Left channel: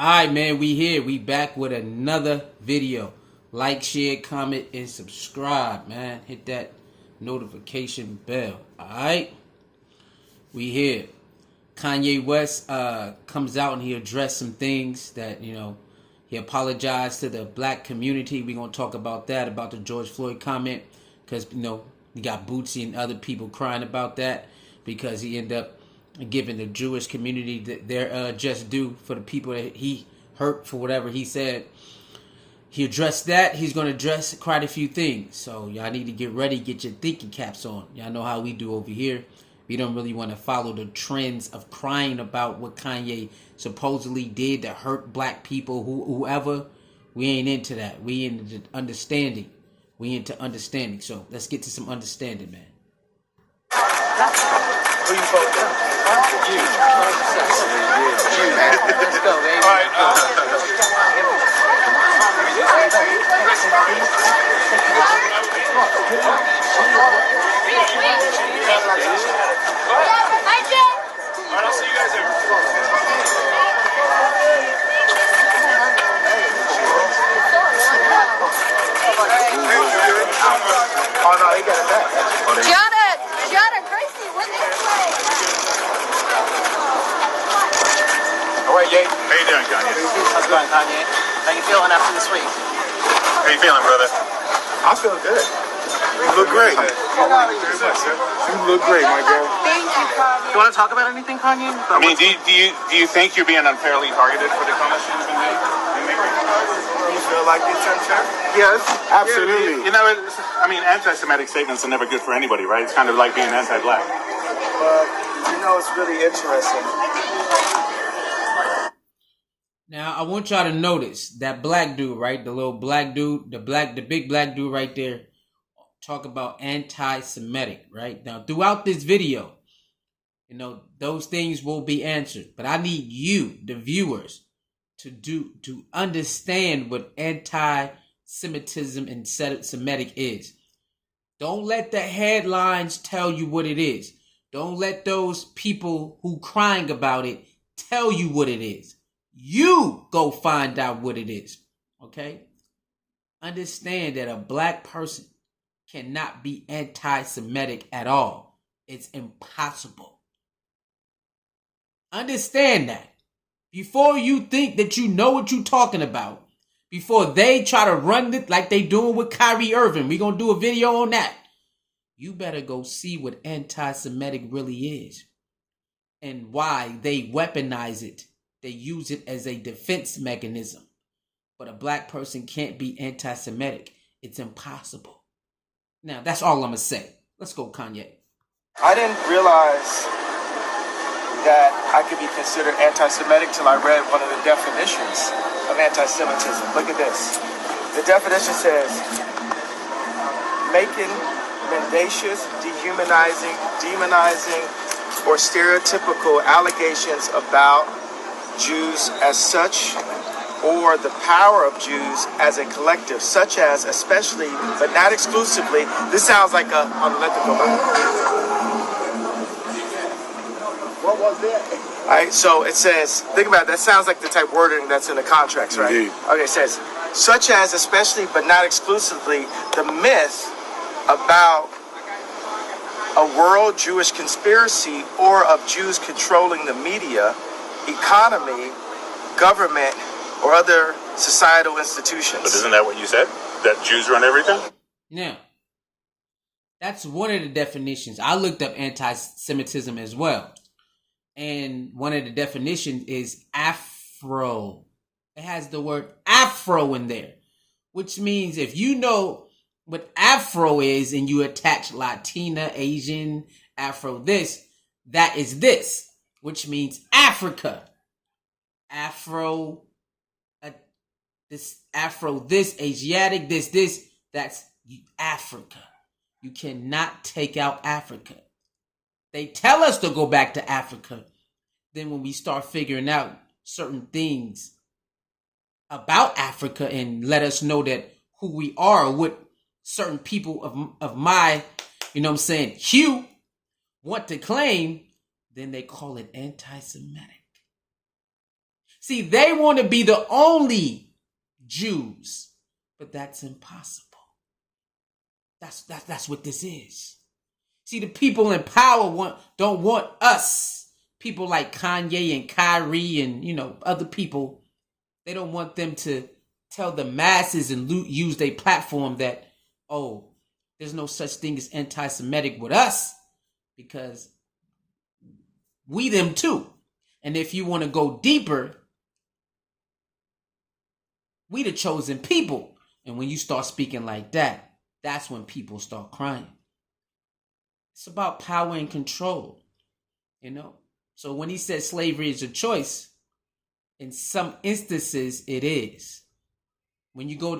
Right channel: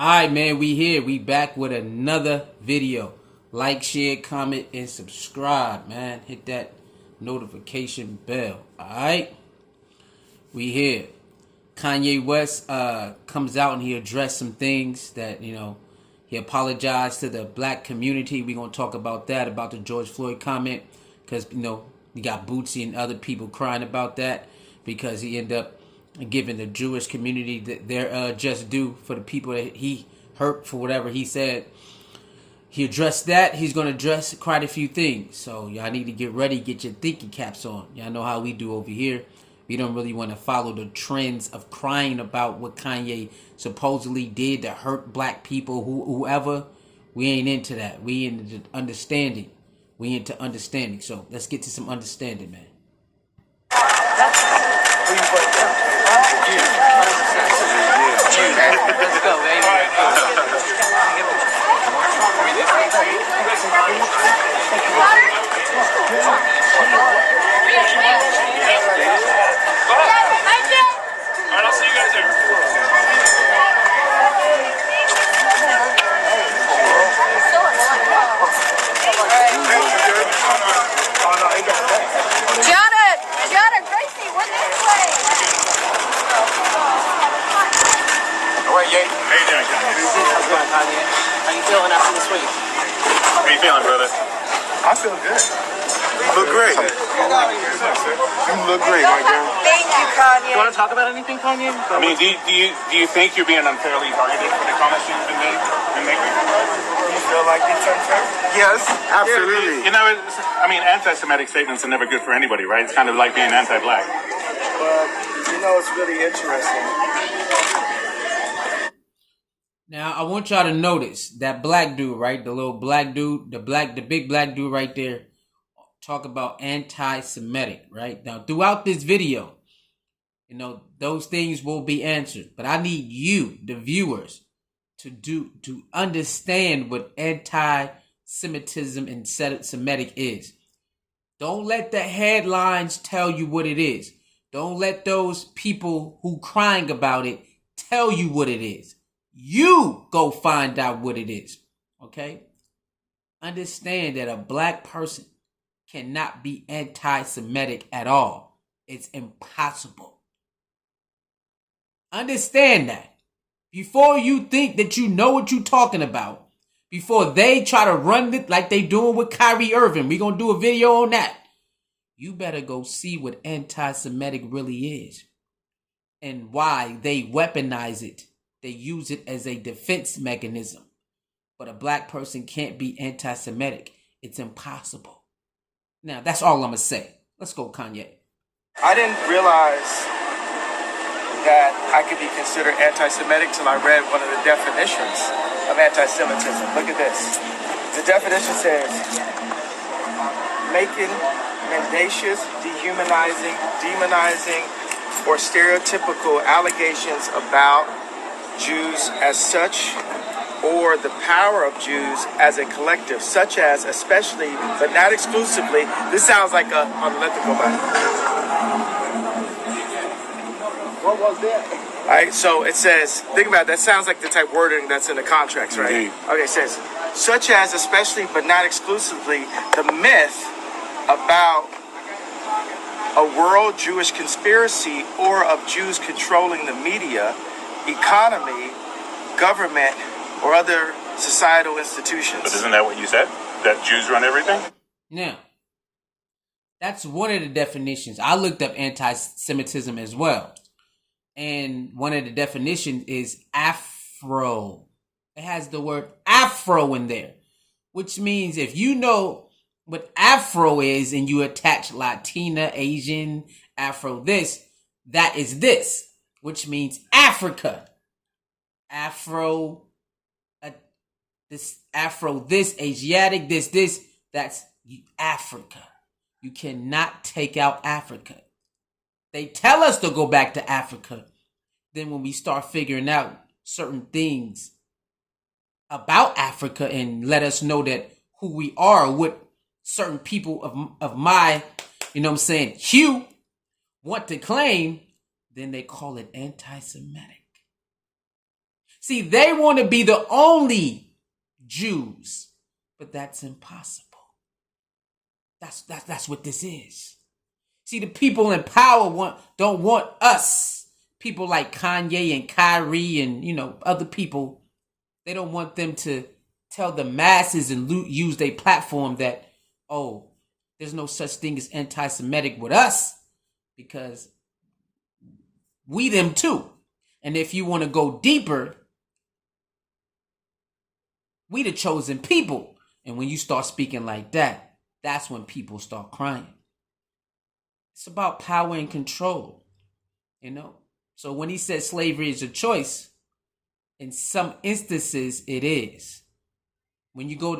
Alright, man, we here. We back with another video. Like, share, comment, and subscribe, man. Hit that notification bell. Alright? We here. Kanye West comes out and he addressed some things that, he apologized to the black community. We're going to talk about that, about the George Floyd comment. Because, we got Bootsy and other people crying about that. Because he ended up giving the Jewish community their just due for the people that he hurt for whatever he said. He addressed that. He's going to address quite a few things. So y'all need to get ready, get your thinking caps on. Y'all know how we do over here. We don't really want to follow the trends of crying about what Kanye supposedly did to hurt black people, whoever. We ain't into that. We into understanding. We into understanding. So let's get to some understanding, man. Who you vote for? Jews. 100%. Jews. Let's go, baby. All right. I'll see you guys there. Oh, no, they got it back. Gianna Gracie, win this play. All right, Yay. How you doing, Kanye? How you feeling after this week? How you feeling, brother? I feel good. You look great. Thank you very much, sir. You look great, my girl. Thank you, Kanye. You want to talk about anything, Kanye? I mean, do you think you're being unfairly targeted for the comments you've been making? You feel like it's unfair? Yes, absolutely. You know, anti-Semitic statements are never good for anybody, right? It's kind of like being anti-black. But, it's really interesting. Now, I want y'all to notice that black dude, right? The little black dude, the big black dude right there, talk about anti-Semitic, right? Now, throughout this video, those things will be answered. But I need you, the viewers, to understand what anti-Semitism and Semitic is. Don't let the headlines tell you what it is. Don't let those people who crying about it tell you what it is. You go find out what it is. Okay? Understand that a black person cannot be anti-Semitic at all. It's impossible. Understand that. Before you think that you know what you're talking about, before they try to run it like they doing with Kyrie Irving, we're going to do a video on that. You better go see what anti-Semitic really is and why they weaponize it. They use it as a defense mechanism. But a black person can't be anti-Semitic. It's impossible. Now, that's all I'm going to say. Let's go, Kanye. I didn't realize that I could be considered anti-Semitic till I read one of the definitions of anti-Semitism. Look at this. The definition says, making mendacious, dehumanizing, demonizing, or stereotypical allegations about Jews as such, or the power of Jews as a collective, such as, especially, but not exclusively. This sounds like let them go by. What was that? All right, so it says, think about it, that sounds like the type wording that's in the contracts, right? Mm-hmm. Okay, it says, such as, especially, but not exclusively, the myth about a world Jewish conspiracy or of Jews controlling the media, economy, government, or other societal institutions. But isn't that what you said? That Jews run everything? Now, that's one of the definitions. I looked up anti-Semitism as well. And one of the definitions is Afro. It has the word Afro in there, which means if you know what Afro is and you attach Latina, Asian, Afro that is this, which means Africa. Afro, this, Asiatic, that's Africa. You cannot take out Africa. They tell us to go back to Africa. Then when we start figuring out certain things about Africa and let us know that who we are, what certain people of my, hue want to claim, then they call it anti-Semitic. See, they want to be the only Jews, but that's impossible. That's what this is. See, the people in power don't want us, people like Kanye and Kyrie and, other people. They don't want them to tell the masses and use their platform that, oh, there's no such thing as anti-Semitic with us, because we them too. And if you want to go deeper, we the chosen people. And when you start speaking like that, that's when people start crying. It's about power and control, So when he said slavery is a choice, in some instances it is. When you go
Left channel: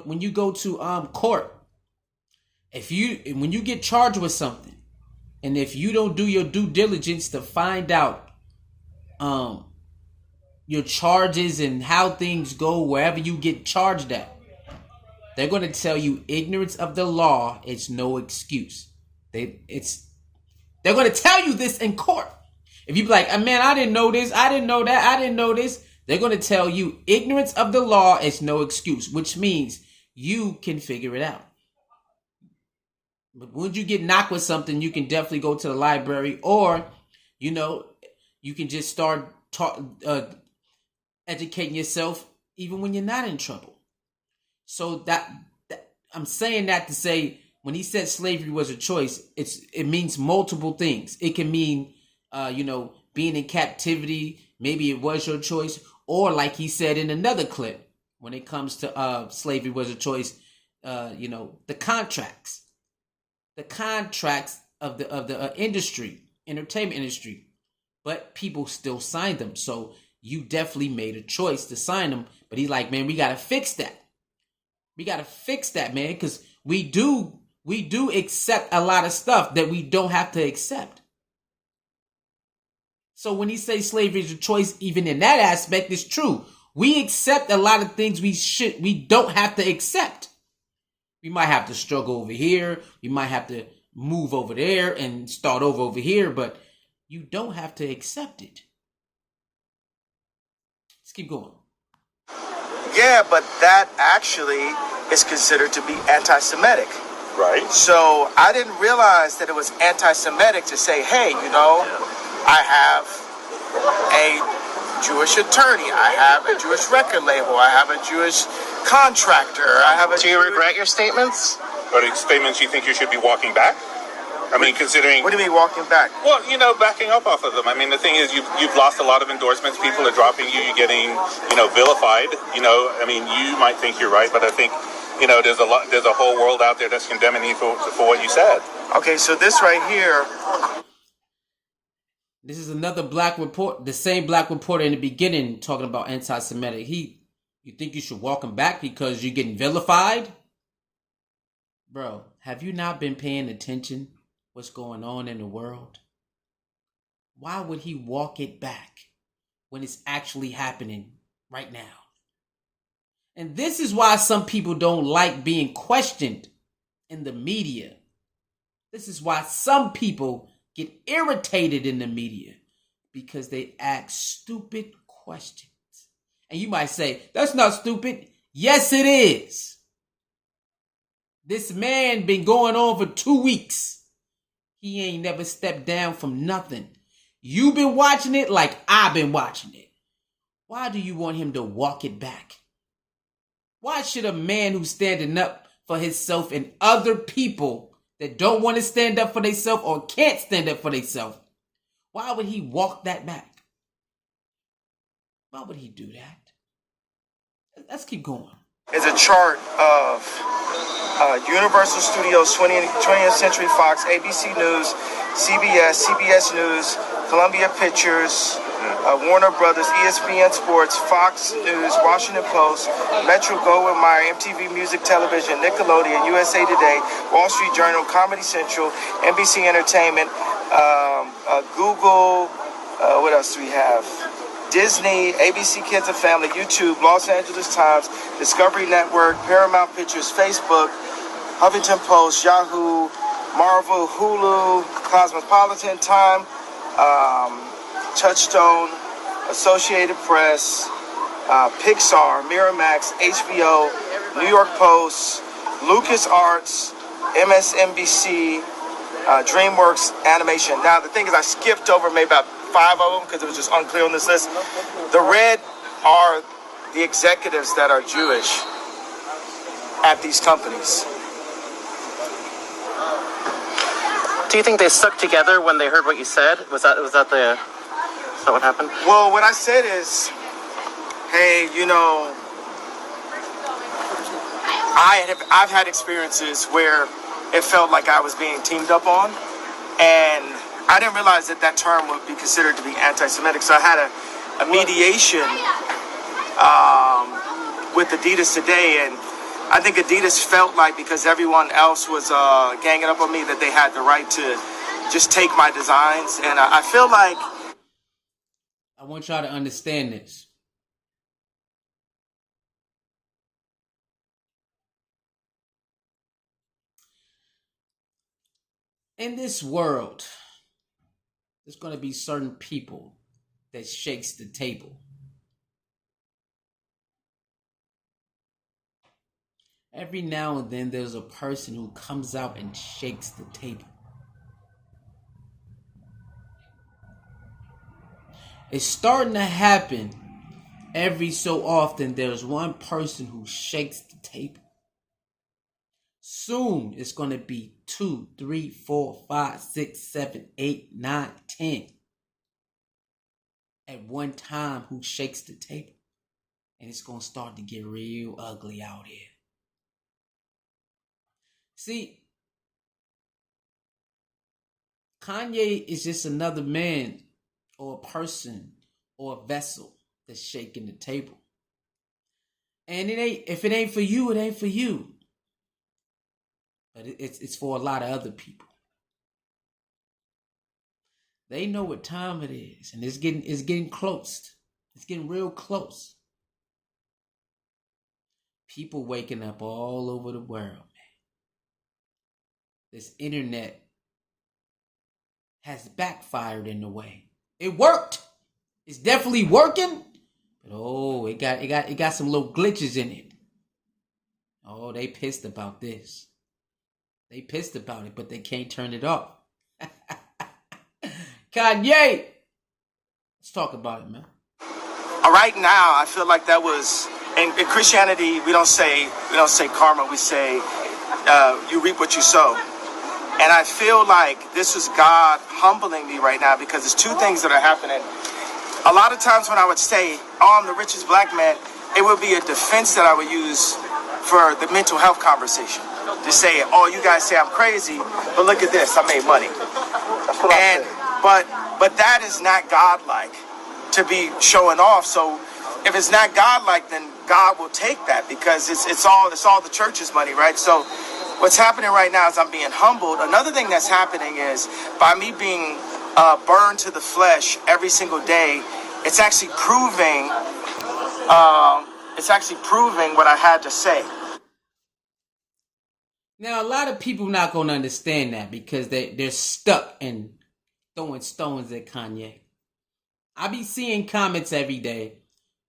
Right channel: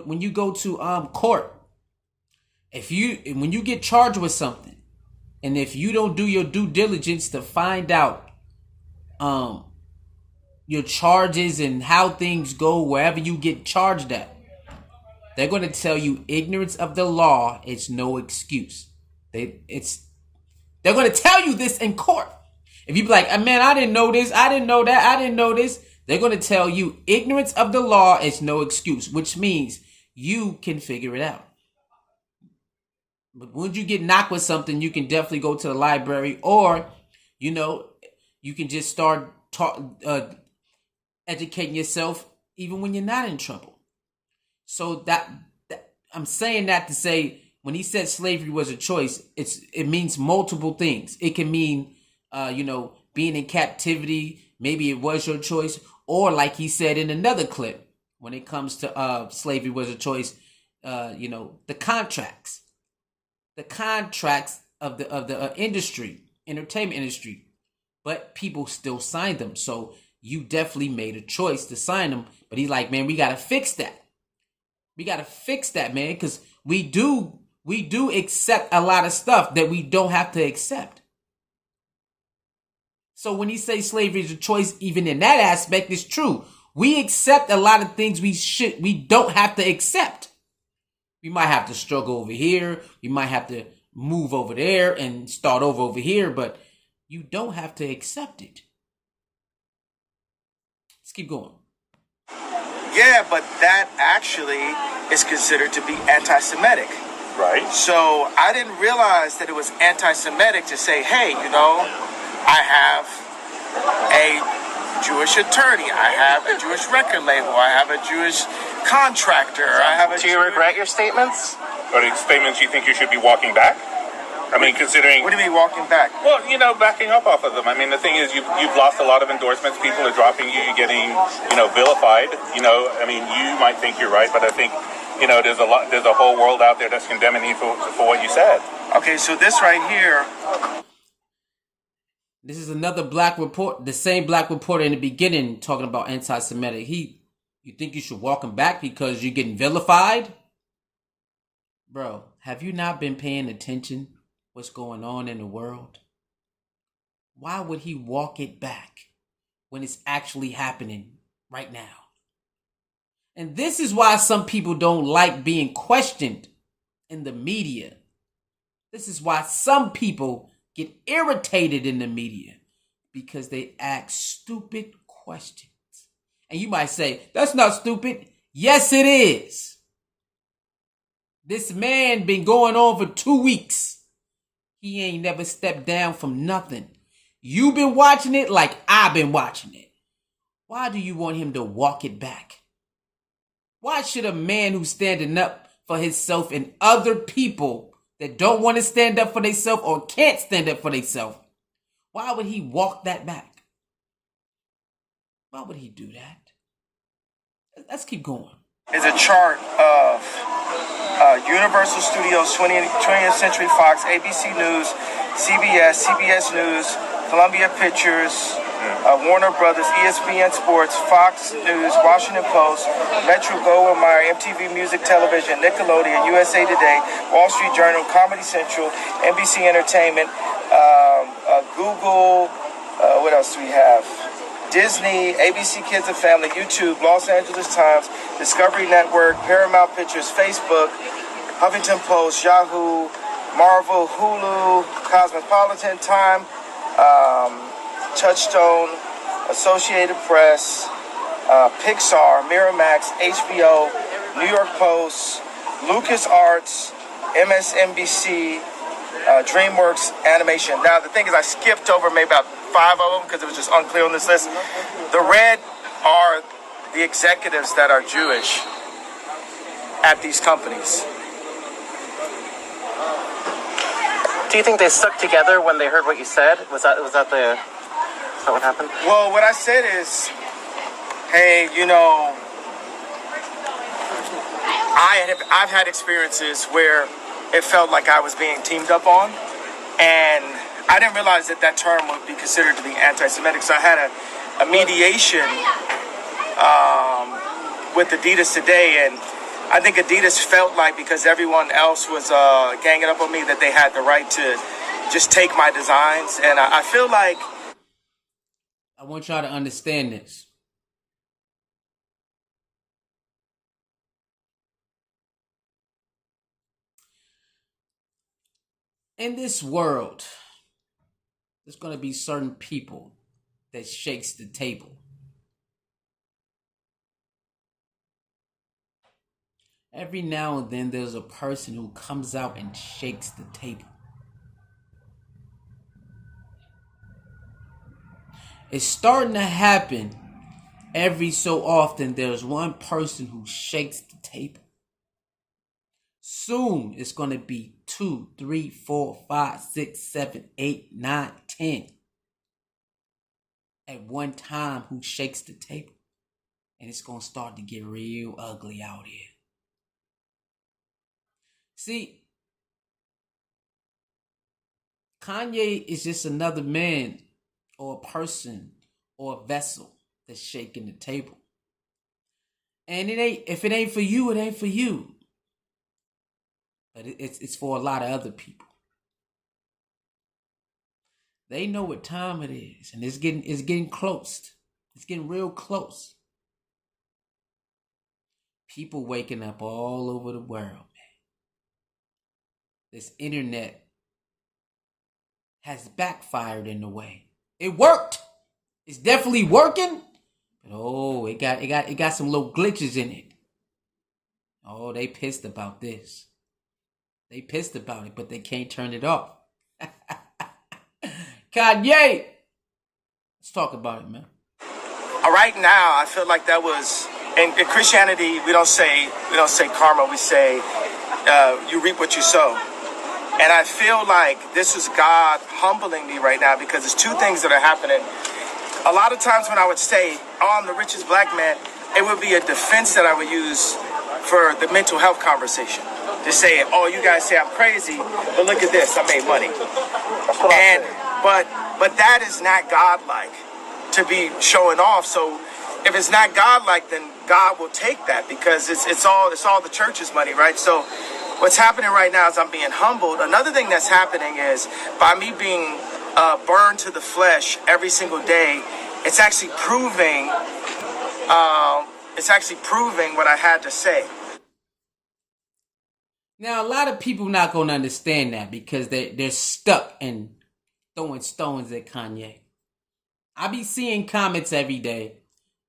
to court, when you get charged with something, and if you don't do your due diligence to find out your charges and how things go wherever you get charged at, they're going to tell you ignorance of the law is no excuse. They're going to tell you this in court. If you be like, man, I didn't know this, I didn't know that, I didn't know this, they're going to tell you ignorance of the law is no excuse, which means you can figure it out. But when you get knocked with something, you can definitely go to the library, or, you can just start educating yourself even when you're not in trouble. So that I'm saying that to say, when he said slavery was a choice, it means multiple things. It can mean, being in captivity. Maybe it was your choice. Or like he said in another clip, when it comes to slavery was a choice, the contracts of the industry, entertainment industry, but people still signed them. So you definitely made a choice to sign them. But he's like, man, we got to fix that. We got to fix that, man, because we do accept a lot of stuff that we don't have to accept. So when he says slavery is a choice, even in that aspect, it's true. We accept a lot of things we don't have to accept. We might have to struggle over here. We might have to move over there and start over here, but you don't have to accept it. Let's keep going. Yeah, but that actually is considered to be anti-Semitic. Right. So I didn't realize that it was anti-Semitic to say, hey, I have a Jewish attorney, I have a Jewish record label, I have a Jewish contractor, I have a Do you regret your statements? Or the statements you think you should be walking back? I mean, considering... What do you mean walking back? Well, backing up off of them. I mean, the thing is, you've lost a lot of endorsements. People are dropping you. You're getting, vilified. I mean, you might think you're right, but I think, there's a whole world out there that's condemning you for what you said. Okay, so this right here... This is another black report, the same black reporter in the beginning talking about anti-Semitic. You think you should walk him back because you're getting vilified? Bro, have you not been paying attention what's going on in the world? Why would he walk it back when it's actually happening right now? And this is why some people don't like being questioned in the media. This is why some people get irritated in the media, because they ask stupid questions. And you might say, that's not stupid. Yes, it is. This man been going on for 2 weeks. He ain't never stepped down from nothing. You've been watching it like I've been watching it. Why do you want him to walk it back? Why should a man who's standing up for himself and other people that don't want to stand up for themselves or can't stand up for themselves, why would he walk that back? Why would he do that? Let's keep going. Is a chart of Universal Studios, 20th Century Fox, ABC News, CBS News, Columbia Pictures, Warner Brothers, ESPN Sports, Fox News, Washington Post, Metro Goldwyn Mayer, MTV Music Television, Nickelodeon, USA Today, Wall Street Journal, Comedy Central, NBC Entertainment, Google, what else do we have? Disney, ABC Kids and Family, YouTube, Los Angeles Times, Discovery Network, Paramount Pictures, Facebook, Huffington Post, Yahoo, Marvel, Hulu, Cosmopolitan, Time, Touchstone, Associated Press, Pixar, Miramax, HBO, New York Post, LucasArts, MSNBC, DreamWorks Animation. Now, the thing is, I skipped over maybe about 5 of them because it was just unclear on this list. The red are the executives that are Jewish at these companies. Do you think they stuck together when they heard what you said? Was that what happened? Well, what I said is, hey, you know, I've had experiences where it felt like I was being teamed up on, and I didn't realize that that term would be considered to be anti-Semitic. So I had a mediation with ADIDAS today, and I think ADIDAS felt like because everyone else was ganging up on me that they had the right to just take my designs. And I feel like... I want y'all to understand this. In this world, there's going to be certain people that shakes the table. Every now and then, there's a person who comes out and shakes the table. It's starting to happen every so often. There's one person who shakes the table. Soon, it's going to be 2, 3, 4, 5, 6, 7, 8, 9, 10 at one time who shakes the table. And it's going to start to get real ugly out here. See, Kanye is just another man or a person or a vessel that's shaking the table. And if it ain't for you, it ain't for you. But it's for a lot of other people. They know what time it is, and it's getting close. It's getting real close. People waking up all over the world, man. This internet has backfired in a way. It worked. It's definitely working. But it got some little glitches in it. Oh, they pissed about this. They pissed about it, but they can't turn it off. Kanye, let's talk about it, man. Right now, I feel like that was in Christianity. We don't say karma. We say you reap what you sow. And I feel like this is God humbling me right now because there's two things that are happening. A lot of times when I would say, "Oh, I'm the richest black man," it would be a defense that I would use for the mental health conversation. To say, "Oh, you guys say I'm crazy, but look at this, I made money." And but that is not godlike to be showing off. So if it's not godlike, then God will take that because it's all the church's money, right? So what's happening right now is I'm being humbled. Another thing that's happening is by me being burned to the flesh every single day, it's actually proving what I had to say. Now, a lot of people not going to understand that because they're stuck in throwing stones at Kanye. I be seeing comments every day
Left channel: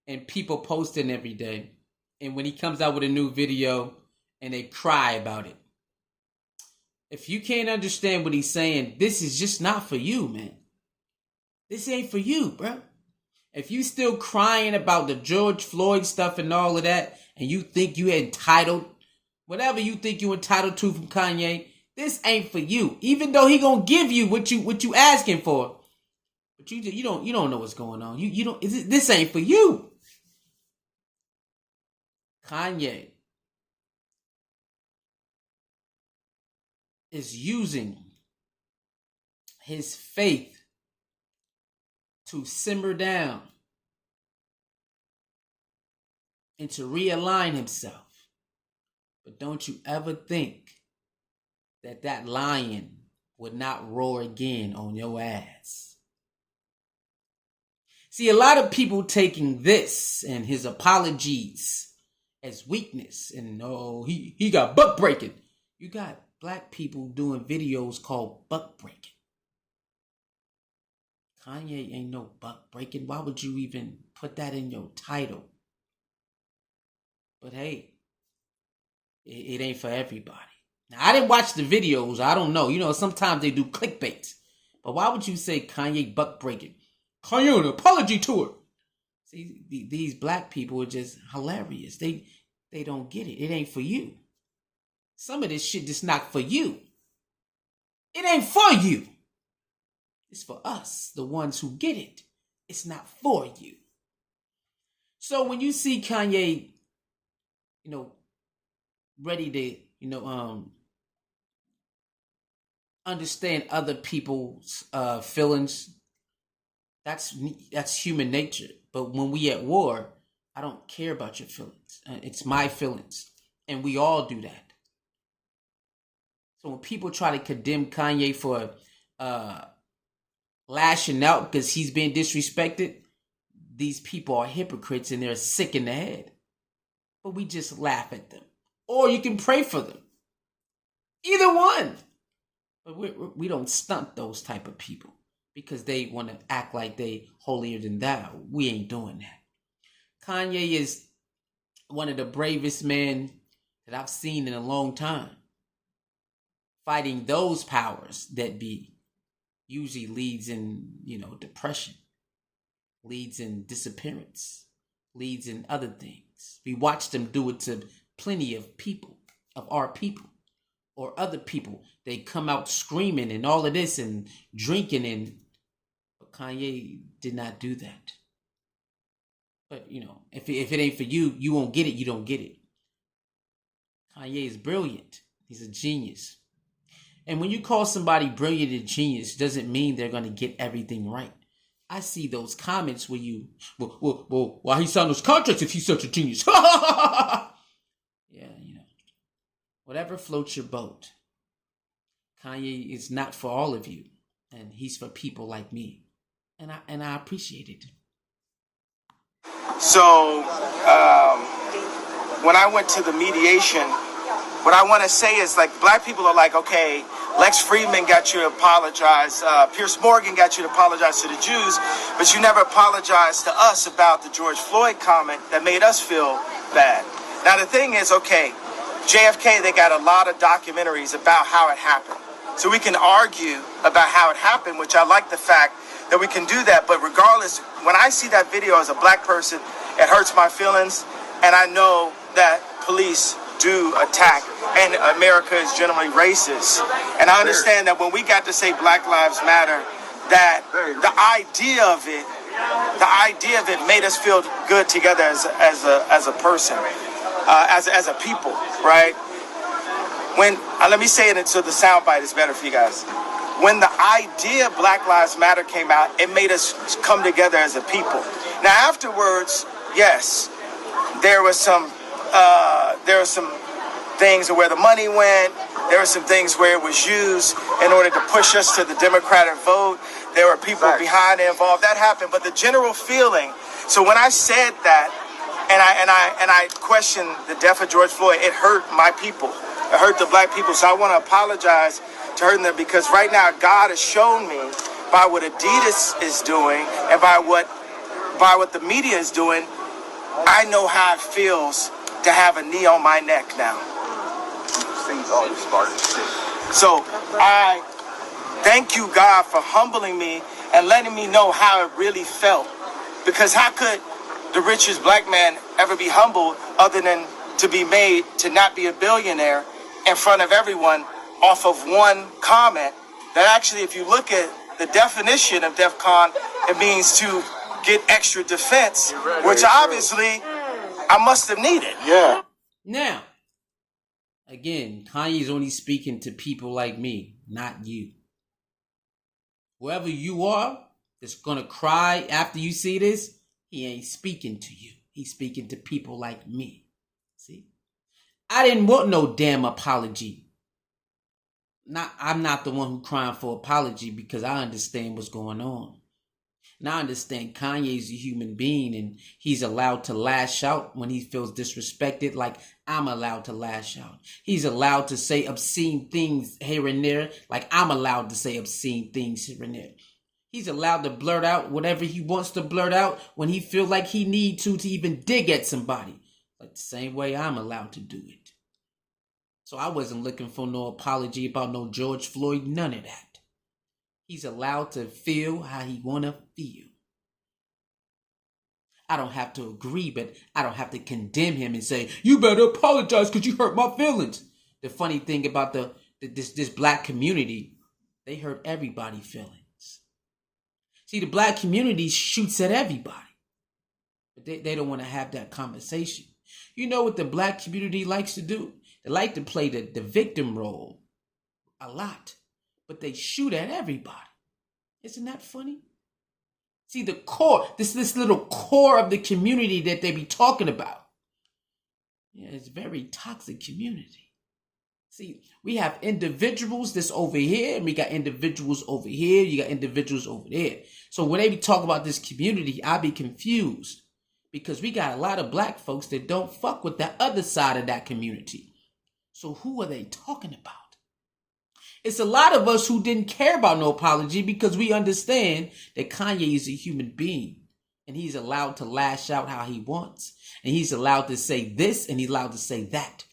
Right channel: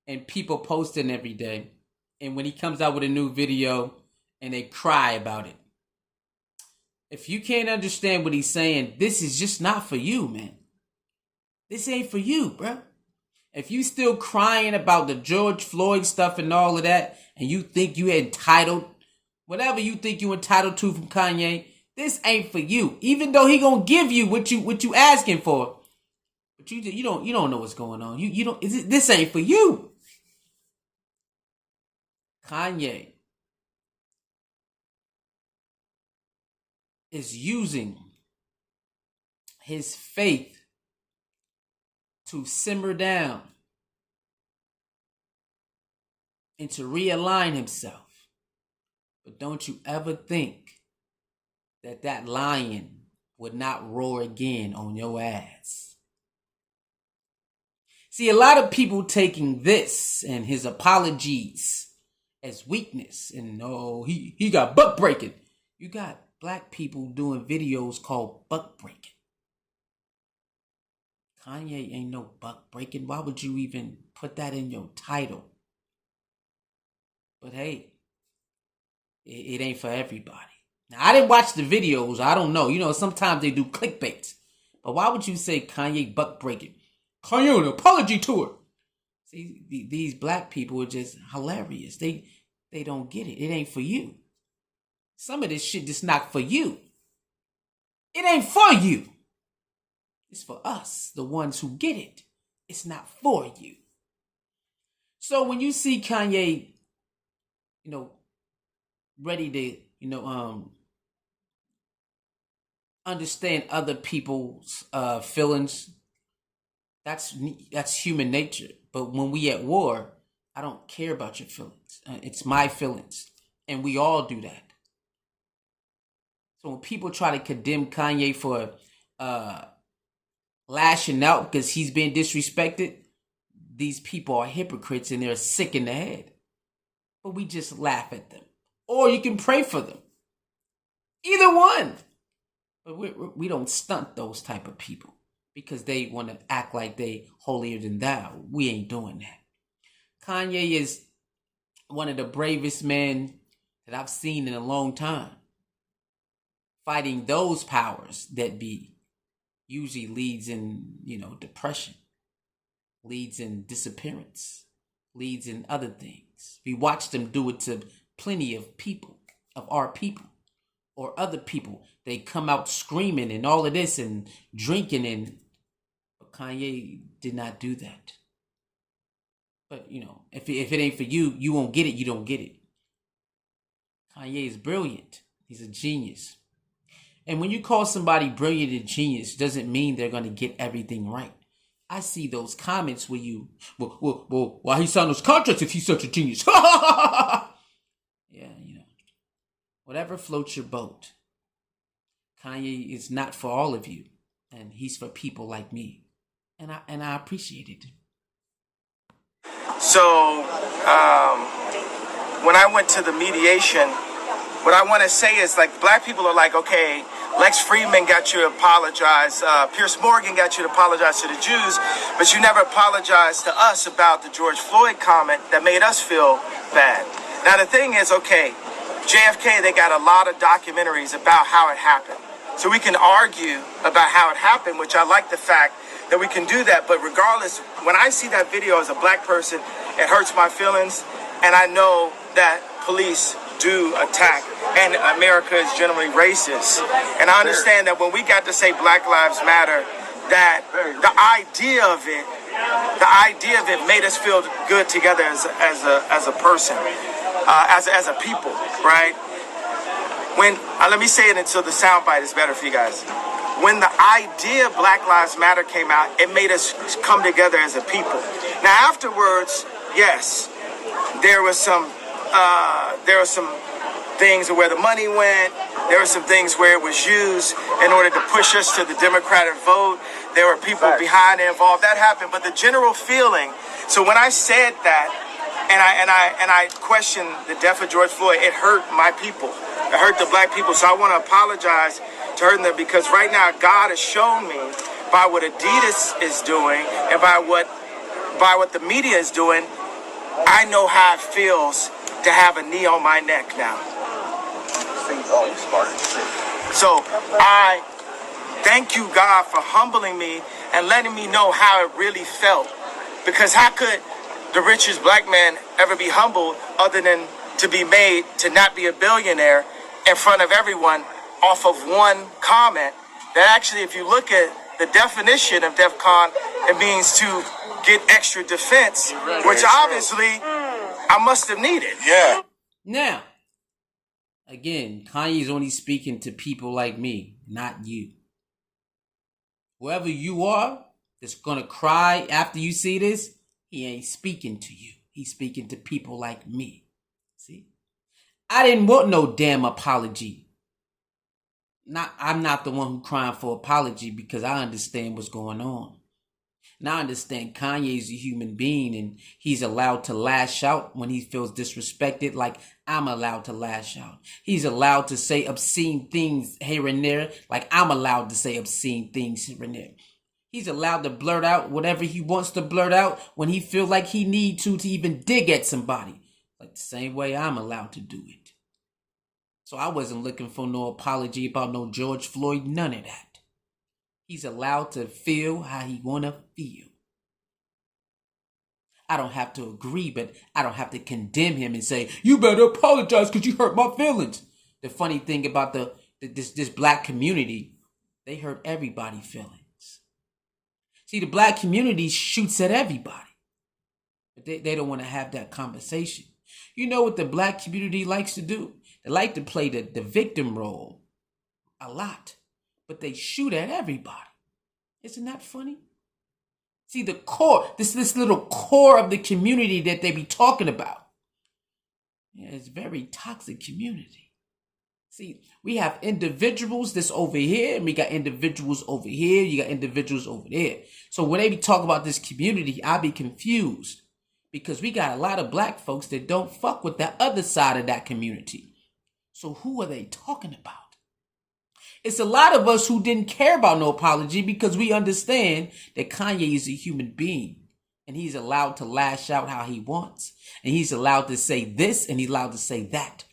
and people posting every day. And when he comes out with a new video and they cry about it. If you can't understand what he's saying, this is just not for you, man. This ain't for you, bro. If you still crying about the George Floyd stuff and all of that, and you think you entitled, whatever you think you entitled to from Kanye, this ain't for you. Even though he gonna give you what you asking for, but you don't know what's going on. You don't. This ain't for you. Kanye is using his faith to simmer down and to realign himself. But don't you ever think that lion would not roar again on your ass. See, a lot of people taking this and his apologies as weakness. And he got buck breaking. You got black people doing videos called buck breaking. Kanye ain't no buck breaking. Why would you even put that in your title? But hey, it ain't for everybody. Now, I didn't watch the videos. I don't know. You know, sometimes they do clickbaits. But why would you say Kanye buck breaking? Kanye an apology tour. See, these black people are just hilarious. They don't get it. It ain't for you. Some of this shit just not for you. It ain't for you. It's for us, the ones who get it. It's not for you. So when you see Kanye, ready to, understand other people's feelings, that's human nature. But when we at war, I don't care about your feelings. It's my feelings. And we all do that. So when people try to condemn Kanye for lashing out because he's being disrespected, these people are hypocrites and they're sick in the head. But we just laugh at them. Or you can pray for them. Either one. But we don't stunt those type of people because they want to act like they holier than thou. We ain't doing that. Kanye is one of the bravest men that I've seen in a long time. Fighting those powers that be usually leads in, depression, leads in disappearance, leads in other things. We watch them do it to plenty of people, of our people, or other people. They come out screaming and all of this and drinking, but Kanye did not do that. But, if it ain't for you, you won't get it, you don't get it. Kanye is brilliant. He's a genius. And when you call somebody brilliant and genius, doesn't mean they're going to get everything right. I see those comments where well, why he signed those contracts if he's such a genius? Yeah, whatever floats your boat. Kanye is not for all of you, and he's for people like me, and I appreciate it. So, when I went to the mediation, what I want to say is, black people are like, okay, Lex Friedman got you to apologize. Pierce Morgan got you to apologize to the Jews, but you never apologized to us about the George Floyd comment that made us feel bad. Now, the thing is, okay, JFK, they got a lot of documentaries about how it happened. So we can argue about how it happened, which I like the fact that we can do that. But regardless, when I see that video as a black person, it hurts my feelings. And I know that police do attack, and America is generally racist. And I understand that when we got to say Black Lives Matter, that the idea of it made us feel good together as a person, as a people, right? When let me say it so the soundbite is better for you guys. When the idea of Black Lives Matter came out, it made us come together as a people. Now afterwards, yes, there were some things where the money went. There were some things where it was used in order to push us to the Democratic vote. There were people behind it involved. That happened. But the general feeling. So when I said that, and I questioned the death of George Floyd, it hurt my people. It hurt the black people. So I want to apologize to hurting them, because right now God has shown me by what ADIDAS is doing and by what the media is doing, I know how it feels to have a knee on my neck now. So I thank you, God, for humbling me and letting me know how it really felt. Because how could the richest black man ever be humbled other than to be made to not be a billionaire in front of everyone off of one comment that actually, if you look at the definition of DEFCON, it means to get extra defense, which obviously I must have needed. Yeah. Now, again, Kanye is only speaking to people like me, not you. Whoever you are that's going to cry after you see this, he ain't speaking to you. He's speaking to people like me. See? I didn't want no damn apology. I'm not the one who crying for apology, because I understand what's going on. Now I understand Kanye's a human being and he's allowed to lash out when he feels disrespected, like I'm allowed to lash out. He's allowed to say obscene things here and there, like I'm allowed to say obscene things here and there. He's allowed to blurt out whatever he wants to blurt out when he feels like he needs to even dig at somebody. like the same way I'm allowed to do it. So I wasn't looking for no apology about no George Floyd, none of that. He's allowed to feel how he want to feel. I don't have to agree, but I don't have to condemn him and say, you better apologize because you hurt my feelings. The funny thing about this black community, they hurt everybody's feelings. See, the black community shoots at everybody. But they don't want to have that conversation. You know what the black community likes to do? They like to play the victim role a lot. But they shoot at everybody. Isn't that funny? See, the core, this little core of the community that they be talking about. Yeah, it's a very toxic community. See, we have individuals that's over here, and we got individuals over here, you got individuals over there. So when they be talking about this community, I be confused. Because we got a lot of black folks that don't fuck with that other side of that community. So who are they talking about? It's a lot of us who didn't care about no apology because we understand that Kanye is a human being. And he's allowed to lash out how he wants. And he's allowed to say this and he's allowed to say that.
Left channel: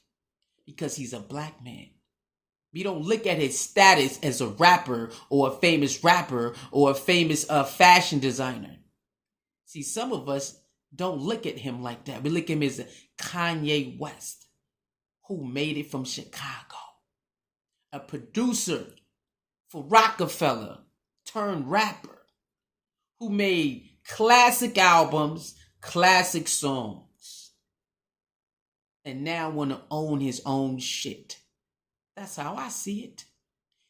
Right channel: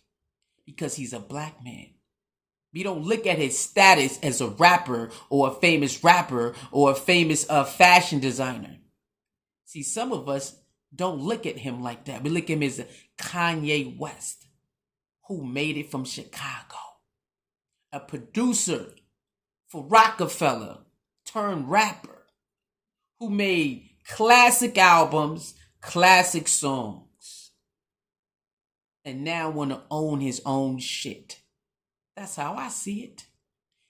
Because he's a black man. We don't look at his status as a rapper or a famous rapper or a famous fashion designer. See, some of us don't look at him like that. We look at him as a Kanye West who made it from Chicago. A producer for Rockefeller turned rapper who made classic albums, classic songs, and now want to own his own shit. That's how I see it.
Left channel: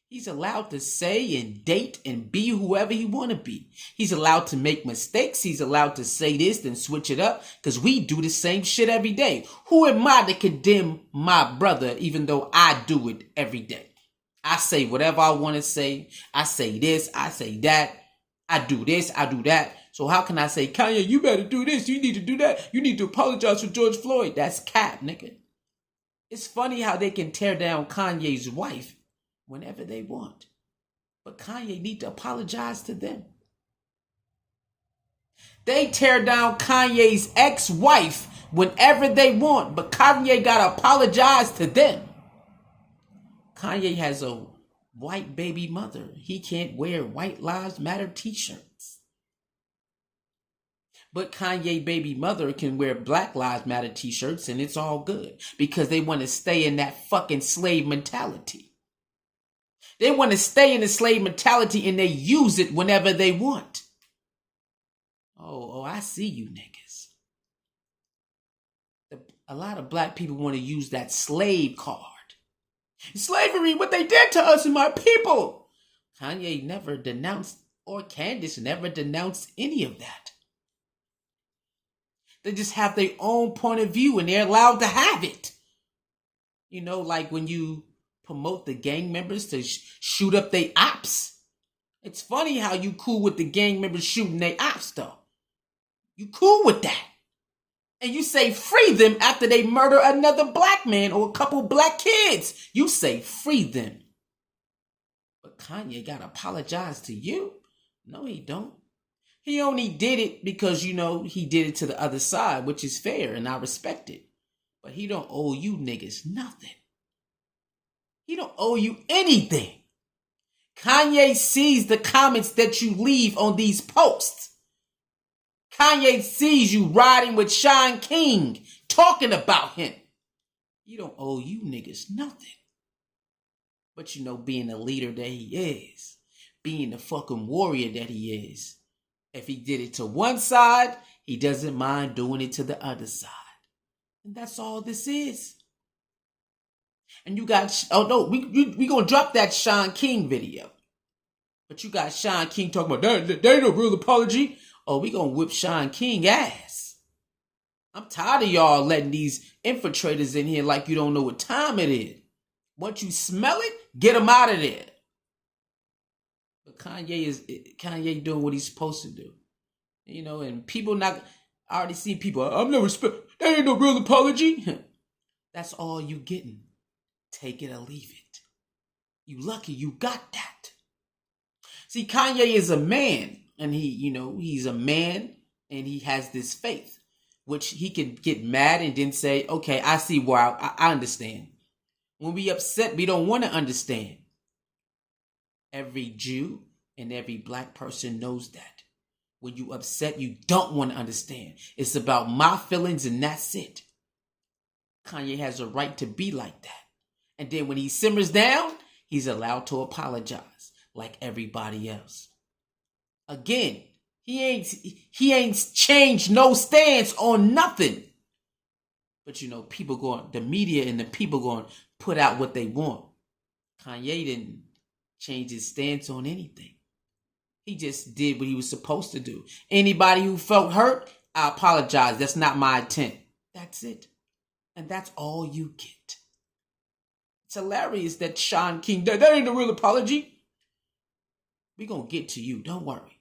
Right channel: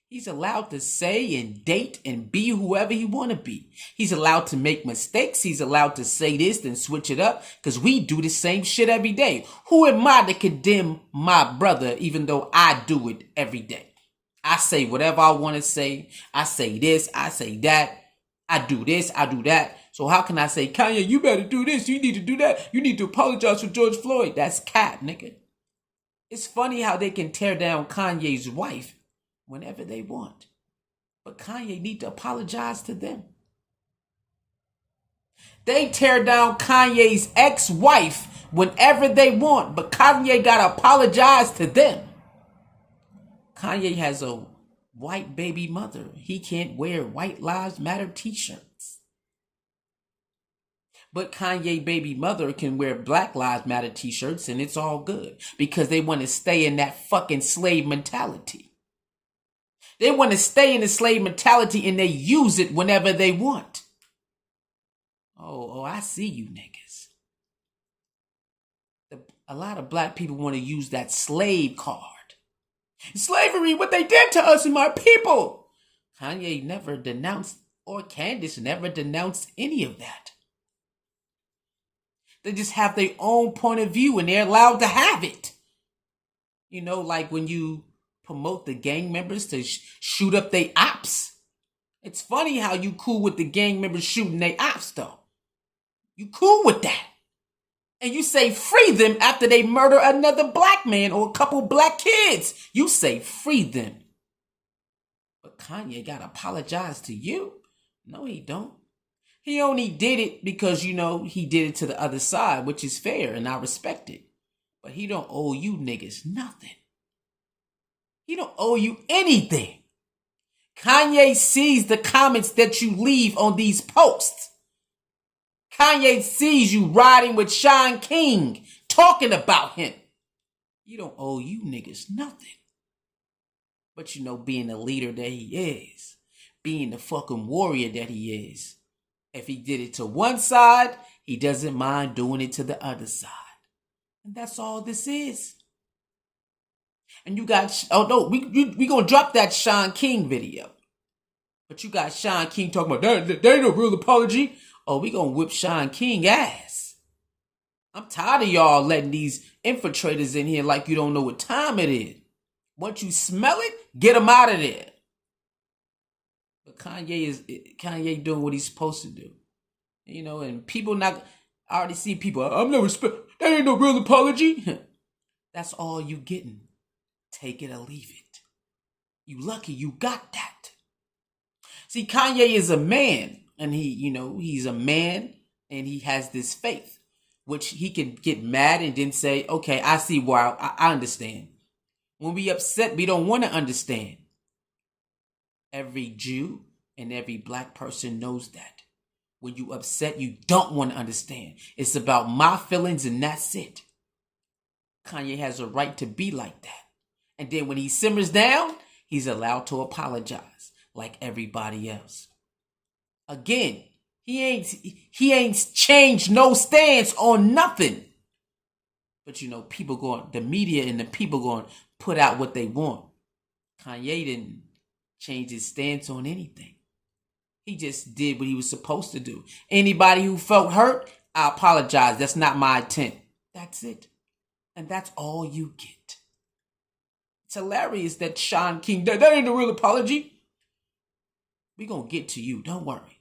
He's allowed to say and date and be whoever he want to be. He's allowed to make mistakes. He's allowed to say this and switch it up because we do the same shit every day. Who am I to condemn my brother even though I do it every day? I say whatever I want to say. I say this. I say that. I do this. I do that. So how can I say, Kanye, you better do this. You need to do that. You need to apologize for George Floyd. That's cap, nigga. It's funny how they can tear down Kanye's wife whenever they want. But Kanye need to apologize to them. They tear down Kanye's ex-wife whenever they want. But Kanye got to apologize to them. Kanye has a white baby mother. He can't wear White Lives Matter t-shirts. But Kanye baby mother can wear Black Lives Matter t-shirts and it's all good. Because they want to stay in that fucking slave mentality. They want to stay in the slave mentality and they use it whenever they want. Oh, I see you niggas. A lot of black people want to use that slave card. Slavery, what they did to us and my people. Kanye never denounced, or Candace never denounced any of that. They just have their own point of view and they're allowed to have it. You know, like when you promote the gang members to shoot up their ops. It's funny how you cool with the gang members shooting their ops though. You cool with that. And you say free them after they murder another black man or a couple black kids. You say free them. But Kanye got to apologize to you? No, he don't. He only did it because, you know, he did it to the other side, which is fair and I respect it. But he don't owe you niggas nothing. He don't owe you anything. Kanye sees the comments that you leave on these posts. Kanye sees you riding with Sean King, talking about him. He don't owe you niggas nothing. But you know, being the leader that he is, being the fucking warrior that he is, if he did it to one side, he doesn't mind doing it to the other side. And that's all this is. And you got, oh no, we gonna drop that Sean King video. But you got Sean King talking about, that ain't no real apology. Oh, we gonna whip Sean King ass. I'm tired of y'all letting these infiltrators in here like you don't know what time it is. Once you smell it, get them out of there. But Kanye doing what he's supposed to do. You know, and people not, I already see people, I'm no respect, there ain't no real apology. That's all you getting. Take it or leave it. You lucky you got that. See, Kanye is a man. And he, you know, he's a man and he has this faith. which he can get mad and then say, okay, I see why, I understand. When we upset, we don't want to understand. Every Jew and every black person knows that. When you upset, you don't want to understand. It's about my feelings and that's it. Kanye has a right to be like that. And then when he simmers down, he's allowed to apologize like everybody else. Again, he ain't changed no stance on nothing. But the media and the people going to put out what they want. Kanye didn't change his stance on anything. He just did what he was supposed to do. Anybody who felt hurt, I apologize. That's not my intent. That's it. And that's all you get. It's hilarious that Sean King, that ain't a real apology. We gonna get to you. Don't worry.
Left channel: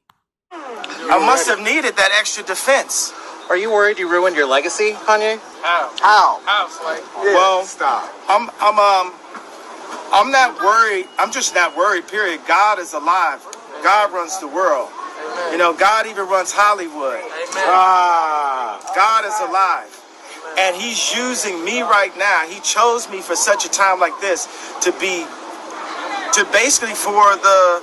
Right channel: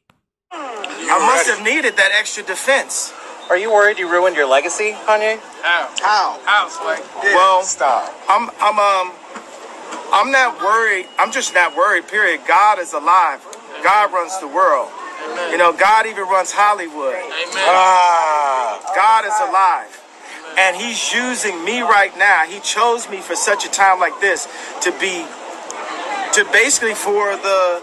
I must have needed that extra defense. Are you worried you ruined your legacy, Kanye? How? How, Sway? Yeah. Well, stop. I'm not worried. I'm just not worried, period. God is alive. God runs the world. Amen. God even runs Hollywood. Amen. God is alive. And he's using me right now. He chose me for such a time like this to basically for the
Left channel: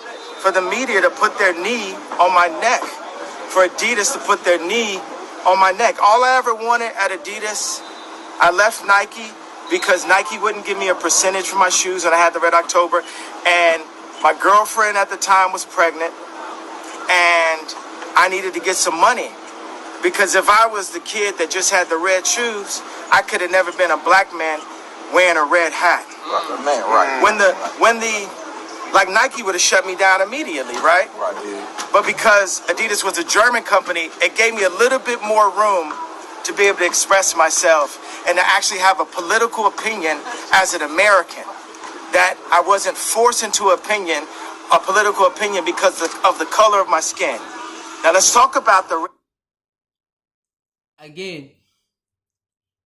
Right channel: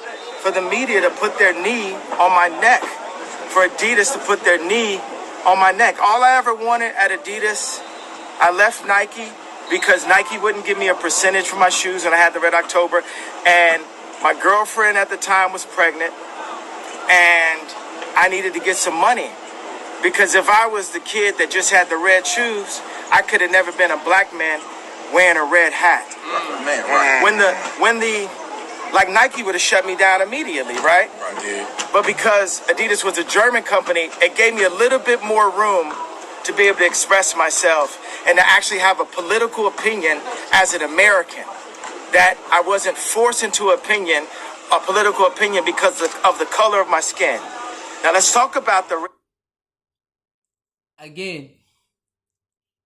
media to put their knee on my neck, for ADIDAS to put their knee on my neck. All I ever wanted at ADIDAS, I left Nike because Nike wouldn't give me a percentage for my shoes when I had the Red October. And my girlfriend at the time was pregnant and I needed to get some money. Because if I was the kid that just had the red shoes, I could have never been a black man wearing a red hat. Man, right. Like Nike would have shut me down immediately, right? Right, yeah. But because ADIDAS was a German company, it gave me a little bit more room to be able to express myself and to actually have a political opinion as an American. That I wasn't forced into a political opinion because of the color of my skin. Now let's talk about Again,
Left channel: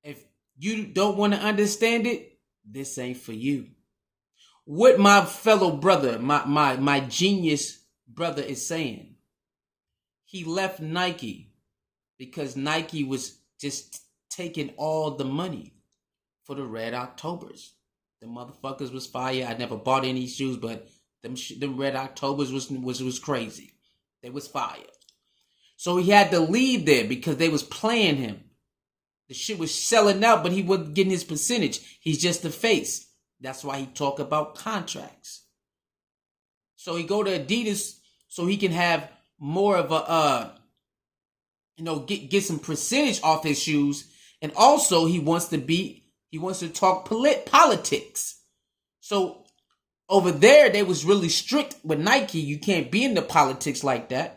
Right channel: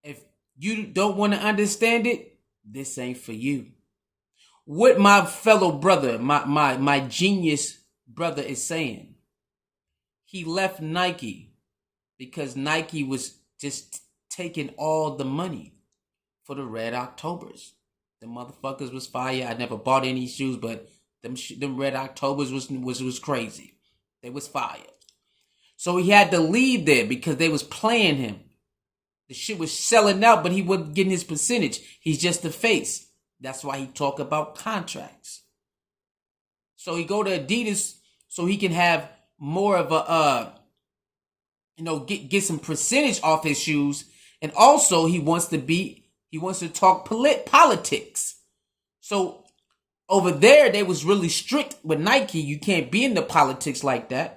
if you don't want to understand it, this ain't for you. What my fellow brother, my genius brother is saying, he left Nike because Nike was just taking all the money for the Red Octobers. The motherfuckers was fire. I never bought any shoes, but them Red Octobers was crazy. They was fire. So he had to leave there because they was playing him. The shit was selling out, but he wasn't getting his percentage. He's just the face. That's why he talk about contracts. So he go to ADIDAS so he can have more of a, get some percentage off his shoes. And also he wants to talk politics. So over there, they was really strict with Nike. You can't be into politics like that.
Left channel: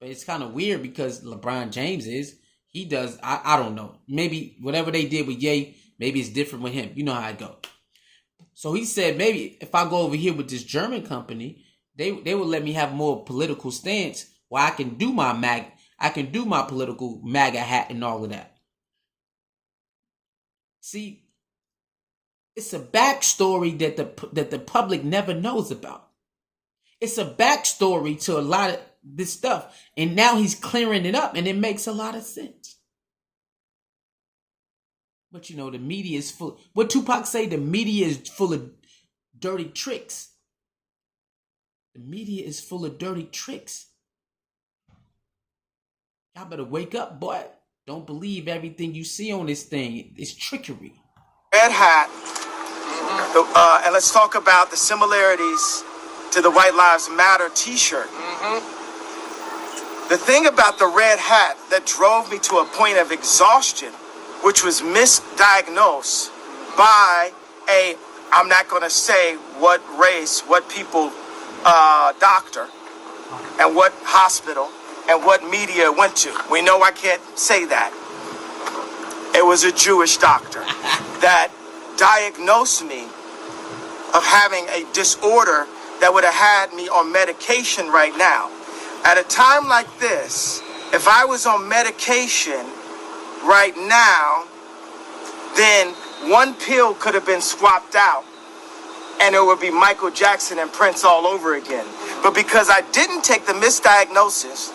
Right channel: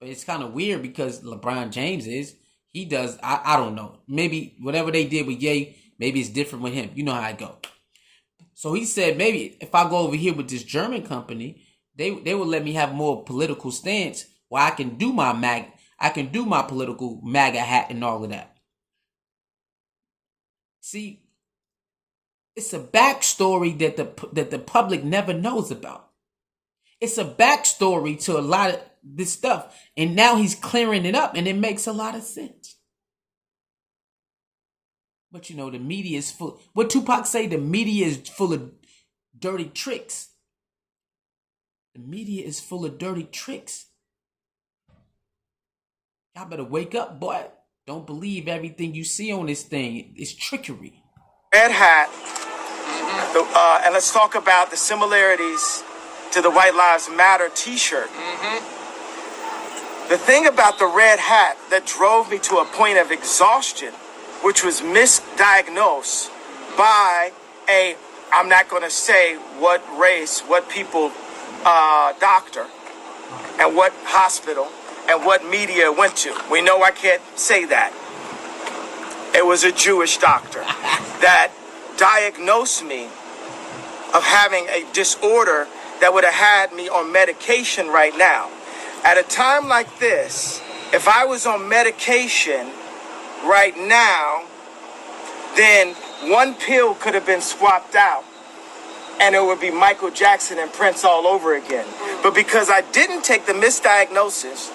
But it's kind of weird because LeBron James he does, I don't know. Maybe whatever they did with Ye, maybe it's different with him. You know how I go. So he said, maybe if I go over here with this German company, they will let me have more political stance where I can do my political MAGA hat and all of that. See, it's a backstory that the public never knows about. It's a backstory to a lot of this stuff. And now he's clearing it up and it makes a lot of sense. But the media is full. What Tupac say? The media is full of dirty tricks. The media is full of dirty tricks. Y'all better wake up, boy. Don't believe everything you see on this thing. It's trickery. Red hat. And let's talk about the similarities to the White Lives Matter t-shirt. The thing about the red hat that drove me to a point of exhaustion, which was misdiagnosed by I'm not going to say what race, what people, doctor, and what hospital, and what media went to. We know I can't say that. It was a Jewish doctor that diagnosed me of having a disorder that would have had me on medication right now. At a time like this, if I was on medication right now, then one pill could have been swapped out and it would be Michael Jackson and Prince all over again. But because I didn't take the misdiagnosis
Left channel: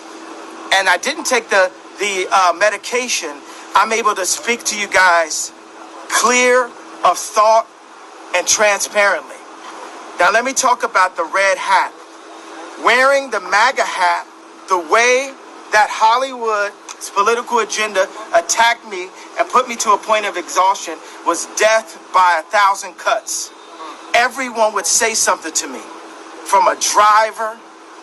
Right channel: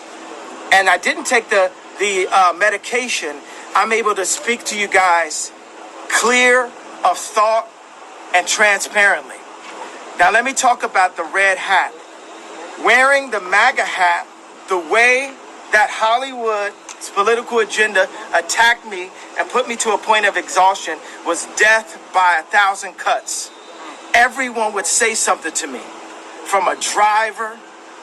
and I didn't take the the medication, I'm able to speak to you guys clear of thought and transparently. Now let me talk about the red hat. Wearing the MAGA hat, the way that Hollywood's political agenda attacked me and put me to a point of exhaustion was death by 1,000 cuts. Everyone would say something to me, from a driver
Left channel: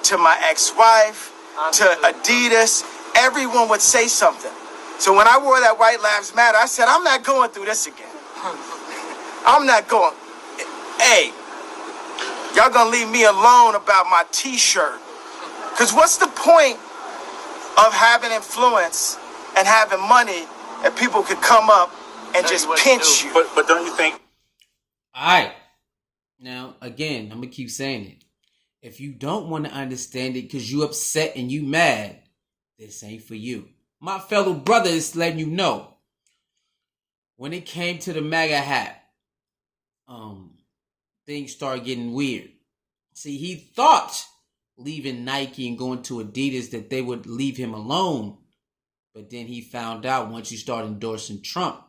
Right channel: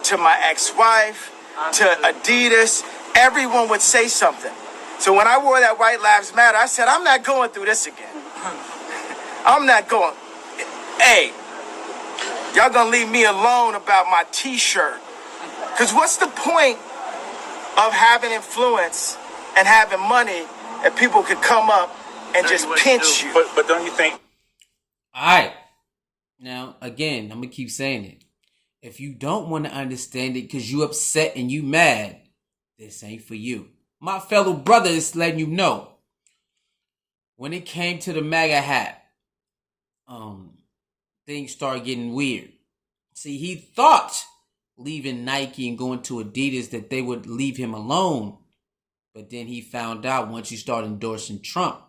to my ex-wife to ADIDAS. Everyone would say something. So when I wore that White Lives Matter, I said, I'm not going through this again. I'm not going. Hey, y'all gonna leave me alone about my t-shirt. Because what's the point of having influence and having money if people could come up and just pinch you? But don't you think? All right. Now, again, I'm going to keep saying it. If you don't want to understand it because you upset and you mad, this ain't for you. My fellow brother is letting you know. When it came to the MAGA hat, things started getting weird. See, he thought leaving Nike and going to Adidas that they would leave him alone. But then he found out once you start endorsing Trump,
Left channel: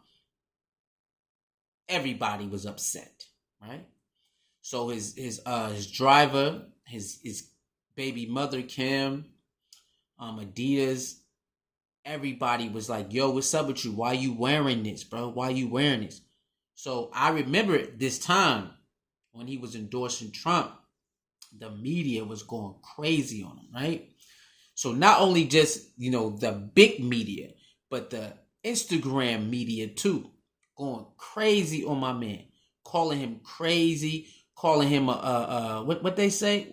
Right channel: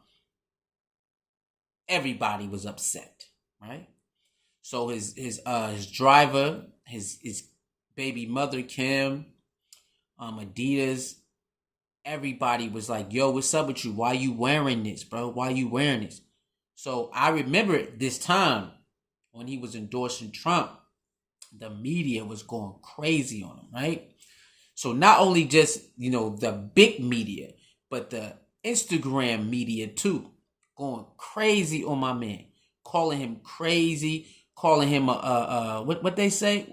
everybody was upset, right? So his driver, his baby mother, Kim, Adidas, everybody was like, yo, what's up with you? Why you wearing this, bro? Why you wearing this? So I remember this time when he was endorsing Trump, the media was going crazy on him, right? So not only just, the big media, but the Instagram media too, going crazy on my man, calling him crazy, calling him what they say?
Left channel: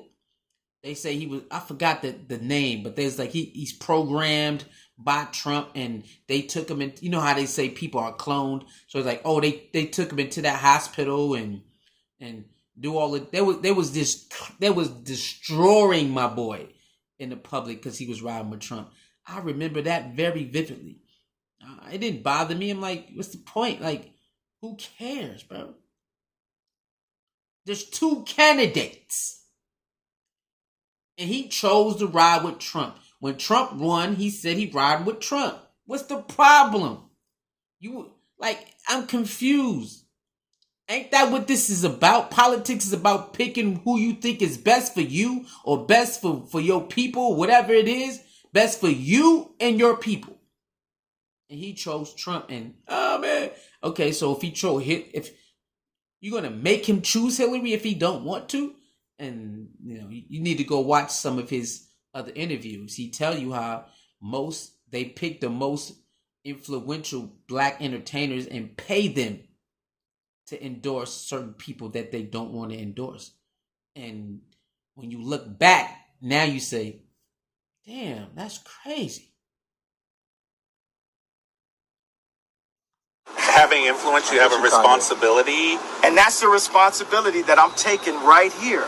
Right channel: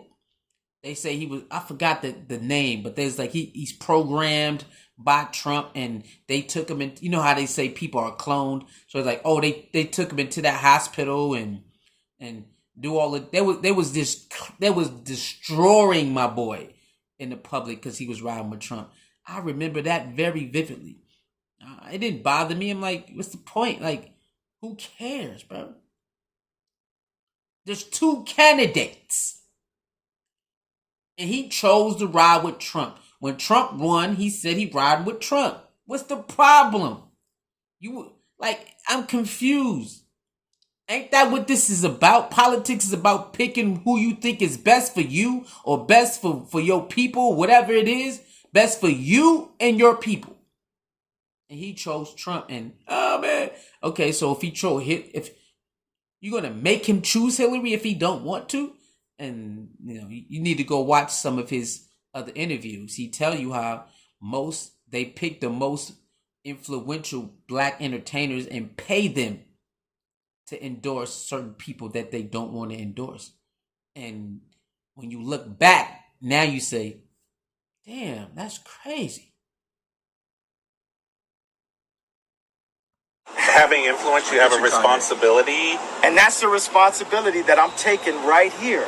They say he was, I forgot the name, but there's like he's programmed by Trump, and they took him in. You know how they say people are cloned, so it's like, oh, they took him into that hospital and do all of they was destroying my boy in the public because he was riding with Trump. I remember that very vividly. It didn't bother me. I'm like, what's the point? Like, who cares, bro? There's two candidates. And he chose to ride with Trump. When Trump won, he said he'd ride with Trump. What's the problem? I'm confused. Ain't that what this is about? Politics is about picking who you think is best for you or best for your people, whatever it is, best for you and your people. And he chose Trump, and oh man. Okay, so if you're gonna make him choose Hillary if he don't want to, and you need to go watch some of his other interviews. He tell you how they pick the most influential black entertainers and pay them to endorse certain people that they don't want to endorse. And when you look back, now you say, damn, that's crazy. Having influence, you have a responsibility. And that's the responsibility that I'm taking right here.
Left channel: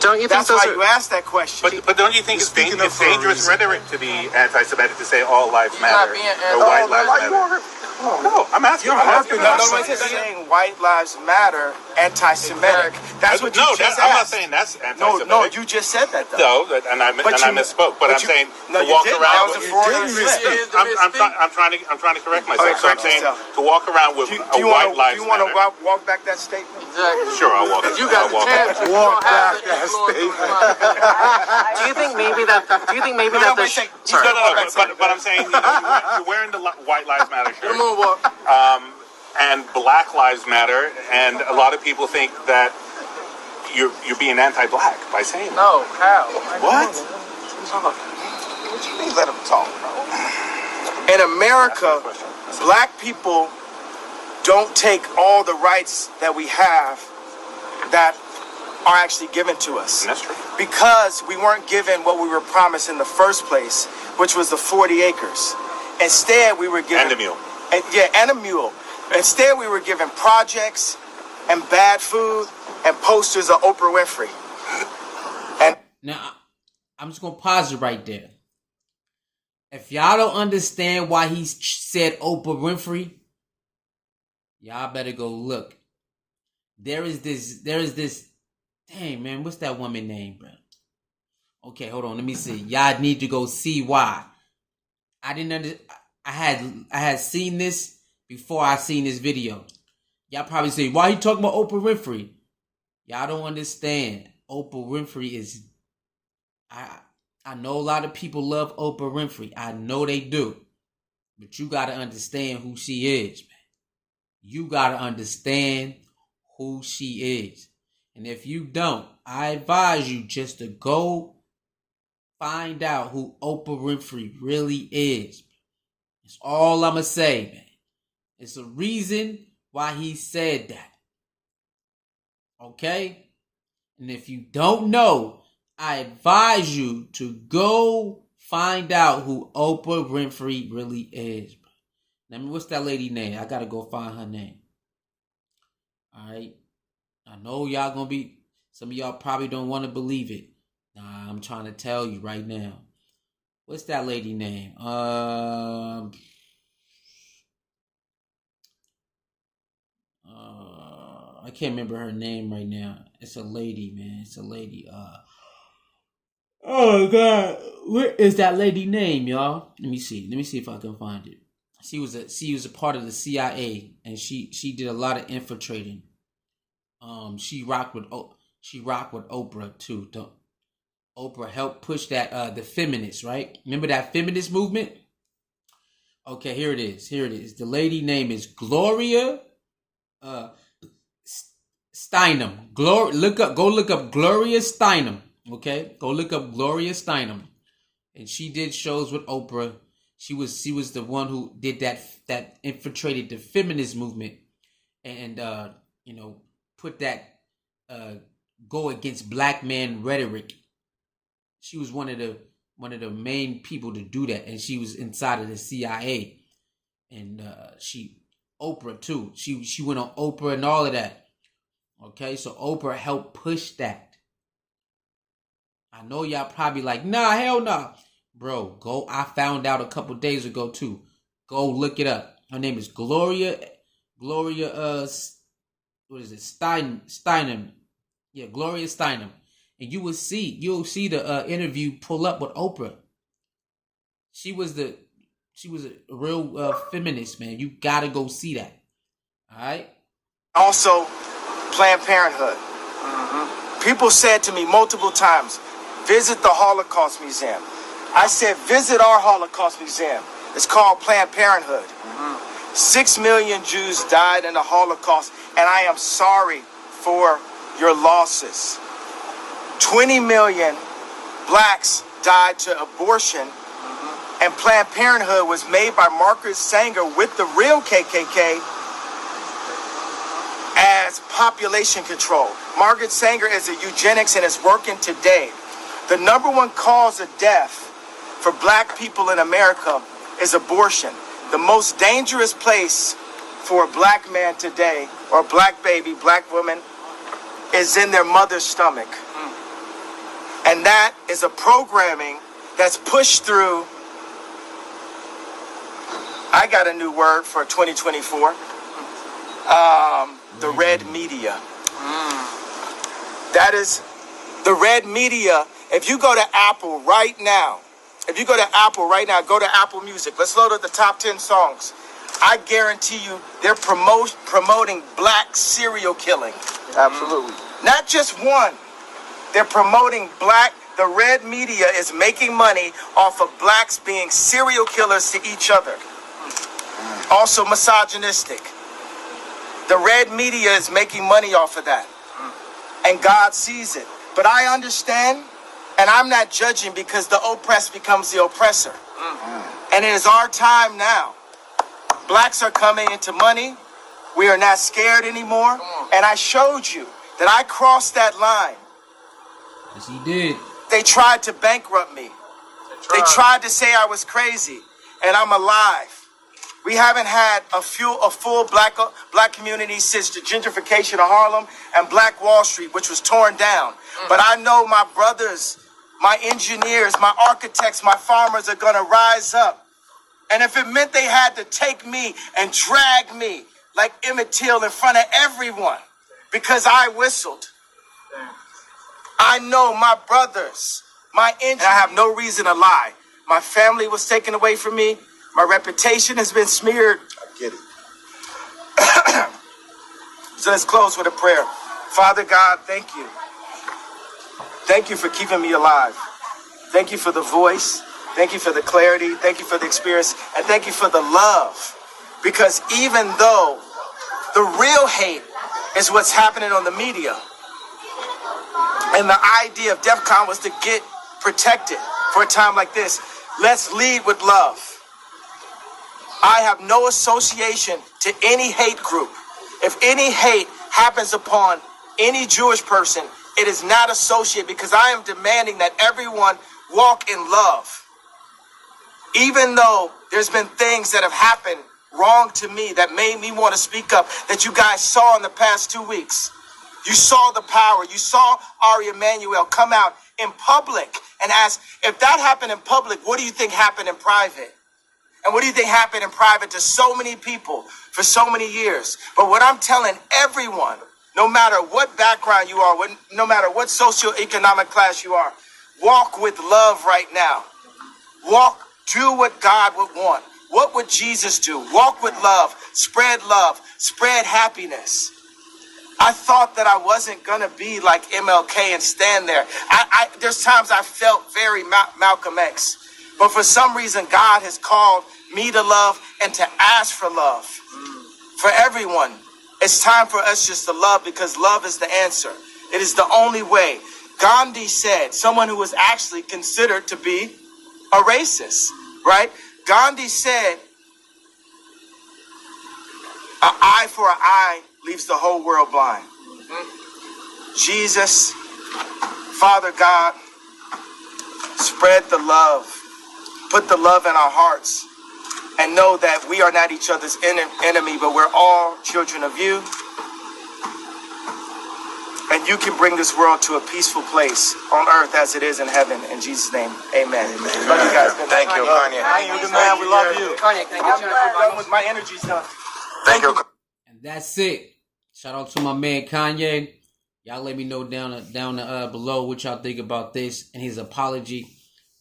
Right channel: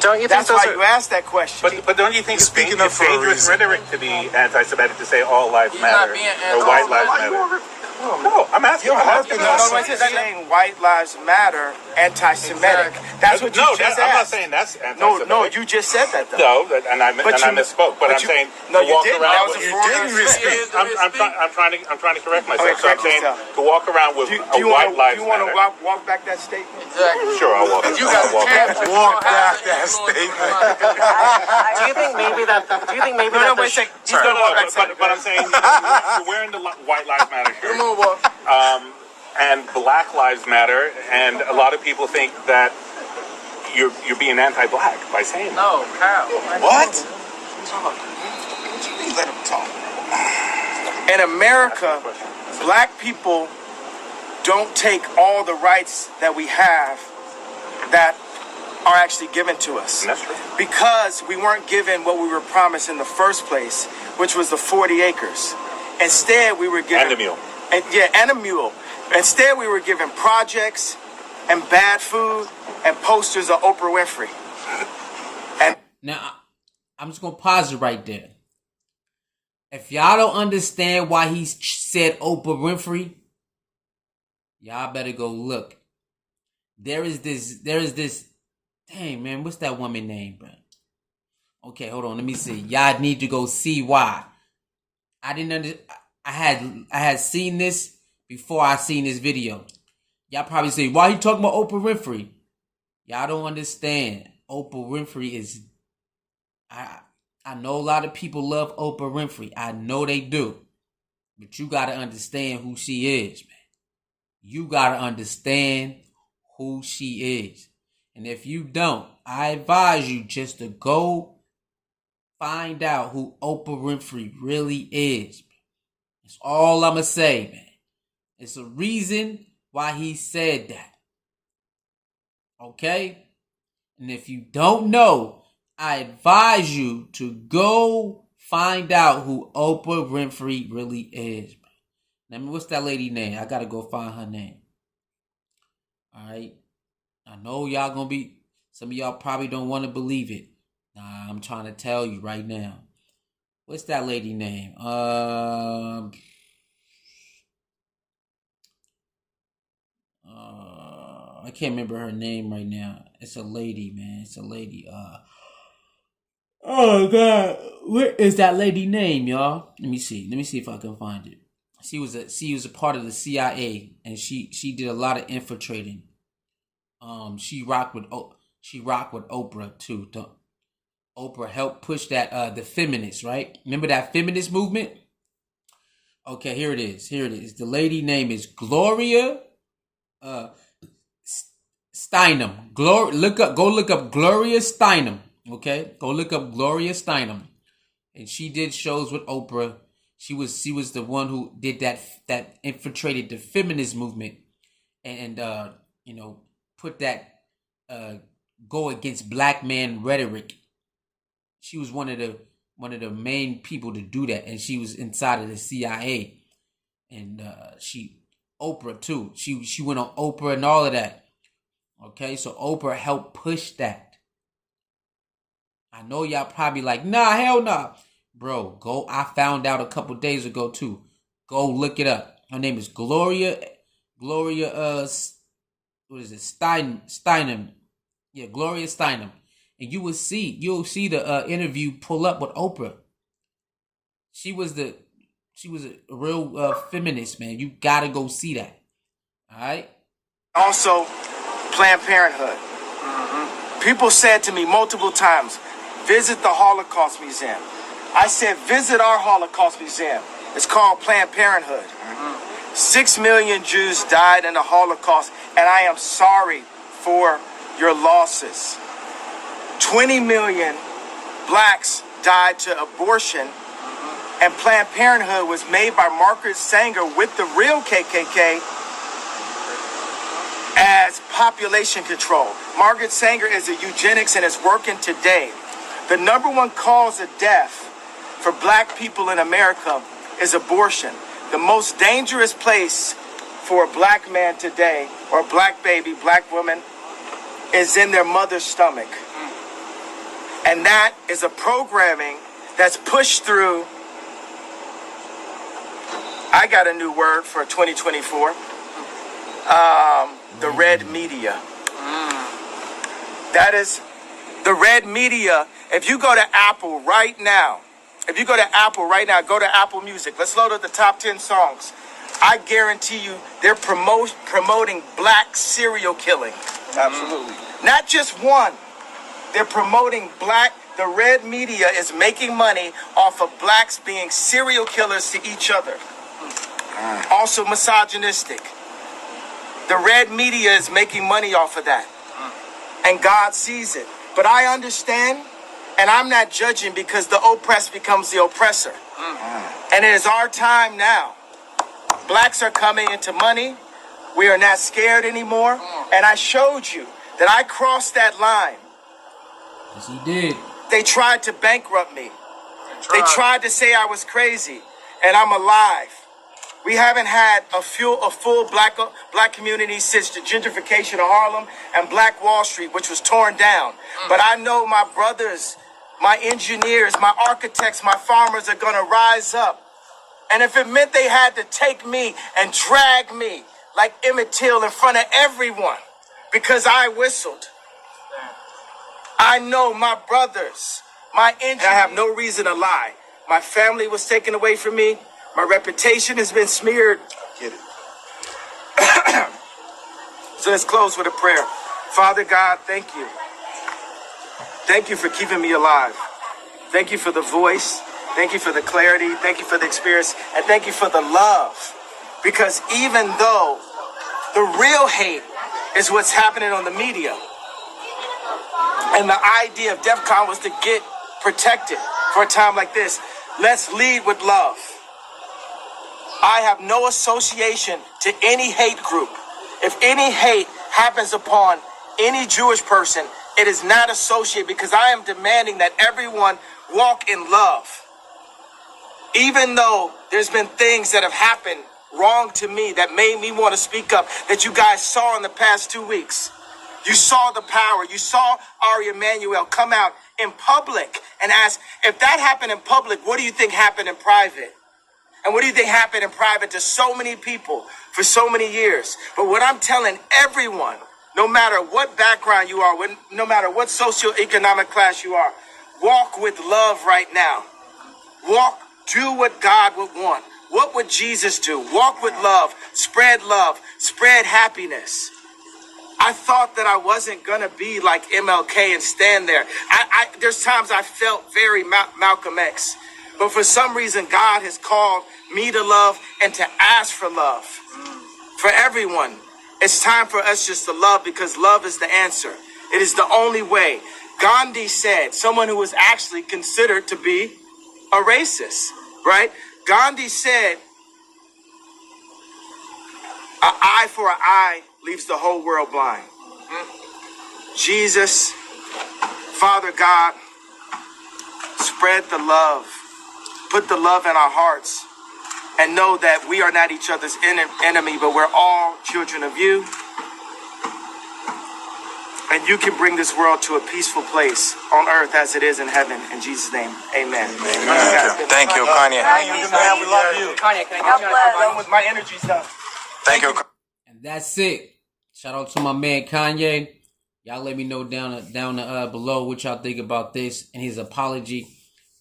Don't you That's think why you asked that question. But don't you think it's dangerous rhetoric to be anti-Semitic, to say all lives matter or white lives matter? No, I'm asking. Saying white lives matter, anti-Semitic. That's what you just asked. I'm not saying that's anti-Semitic. No, you just said that though. No, and I misspoke. But I'm saying no, you didn't. That was a foreign slip. I'm trying to correct myself. Okay, correct yourself. To walk around with do you want to walk back that statement? Exactly. Sure, I'll walk. You got the chance to walk back that statement. Do you think maybe that? No, wait a second. But I'm saying you're wearing the White Lives Matter shirt. And Black Lives Matter, and a lot of people think that you're being anti-black by saying that. No, how? What? What do you mean let him talk, bro? In America, black people don't take all the rights that we have that are actually given to us. That's true. Because we weren't given what we were promised in the first place, which was the 40 acres. Instead, we were given... And a mule. And a mule. Instead, we were given projects and bad food and posters of Oprah Winfrey. And now, I'm just going to pause it right there. If y'all don't understand why he said Oprah Winfrey, y'all better go look. There is this, dang man, what's that woman name, bro? Okay, hold on, let me see. Y'all need to go see why. I didn't I had seen this before I seen this video. Y'all probably say, why you talking about Oprah Winfrey? Y'all don't understand. Oprah Winfrey is, I know a lot of people love Oprah Winfrey. I know they do. But you got to understand who she is, man. You got to understand who she is. And if you don't, I advise you just to go find out who Oprah Winfrey really is. That's all I'm going to say, man. It's a reason why he said that. Okay? And if you don't know, I advise you to go find out who Oprah Winfrey really is. Now, what's that lady name? I got to go find her name. All right? I know y'all going to be, some of y'all probably don't want to believe it. Nah, I'm trying to tell you right now. What's that lady name? I can't remember her name right now. It's a lady, man. It's a lady. Oh God, what is that lady name, y'all? Let me see. Let me see if I can find it. She was a part of the CIA, and she did a lot of infiltrating. She rocked with Oprah too. Oprah helped push that the feminists, right? Remember that feminist movement? Okay, here it is. Here it is. The lady name is Gloria Steinem. Go look up Gloria Steinem. Okay, go look up Gloria Steinem, and she did shows with Oprah. She was the one who did that infiltrated the feminist movement, and put that go against black man rhetoric. She was one of the main people to do that, and she was inside of the CIA, and Oprah too. She went on Oprah and all of that. Okay, so Oprah helped push that. I know y'all probably like, nah, hell nah. Bro, go. I found out a couple days ago too. Go look it up. Her name is Gloria, what is it? Steinem. Yeah, Gloria Steinem. And you'll see the interview pull up with Oprah. She was a real feminist, man. You gotta go see that. All right. Also, Planned Parenthood. People said to me multiple times, visit the Holocaust Museum. I said, visit our Holocaust Museum. It's called Planned Parenthood. 6 million Jews died in the Holocaust, and I am sorry for your losses. 20 million blacks died to abortion, and Planned Parenthood was made by Margaret Sanger with the real KKK as population control. Margaret Sanger is a eugenics and is working today. The number one cause of death for black people in America is abortion. The most dangerous place for a black man today, or a black baby, black woman, is in their mother's stomach. And that is a programming that's pushed through, I got a new word for 2024, the red media. That is the red media. If you go to Apple right now, go to Apple Music. Let's load up the top 10 songs. I guarantee you they're promoting black serial killing. Absolutely. Not just one. They're promoting black. The red media is making money off of blacks being serial killers to each other. Also misogynistic. The red media is making money off of that. And God sees it. But I understand, and I'm not judging, because the oppressed becomes the oppressor. And it is our time now. Blacks are coming into money. We are not scared anymore. And I showed you that I crossed that line. Yes, he did. They tried to bankrupt me. They tried to say I was crazy, and I'm alive. We haven't had a full black community since the gentrification of Harlem and Black Wall Street, which was torn down. But I know my brothers, my engineers, my architects, my farmers are going to rise up. And if it meant they had to take me and drag me like Emmett Till in front of everyone because I whistled, I know my brothers, my engineers, and I have no reason to lie. My family was taken away from me. My reputation has been smeared. Get it. So let's close with a prayer. Father God, thank you. Thank you for keeping me alive. Thank you for the voice. Thank you for the clarity. Thank you for the experience. And thank you for the love. Because even though the real hate is what's happening on the media, and the idea of DEF CON was to get protected for a time like this, let's lead with love. I have no association to any hate group. If any hate happens upon any Jewish person, it is not associated, because I am demanding that everyone walk in love. Even though there's been things that have happened wrong to me that made me want to speak up, that you guys saw in the past 2 weeks. You saw the power. You saw Ari Emanuel come out in public and ask, if that happened in public, what do you think happened in private? And what do you think happened in private to so many people for so many years? But what I'm telling everyone, no matter what background you are, no matter what socioeconomic class you are, walk with love right now. Do what God would want. What would Jesus do? Walk with love, spread happiness. I thought that I wasn't going to be like MLK and stand there. There's times I felt very Malcolm X. But for some reason, God has called me to love and to ask for love. For everyone, it's time for us just to love, because love is the answer. It is the only way. Gandhi said, someone who was actually considered to be a racist, right? Gandhi said, an eye for an eye leaves the whole world blind. Jesus, Father God, spread the love. Put the love in our hearts. And know that we are not each other's enemy, but we're all children of you. And you can bring this world to a peaceful place on earth as it is in heaven. In Jesus' name, amen. Love you guys. Good Thank you, Kanye. Thank you, good man. We love you. Kanye, can I get you I'm done with my energy stuff. Thank you. And that's it. Shout out to my man Kanye. Y'all let me know down below what y'all think about this and his apology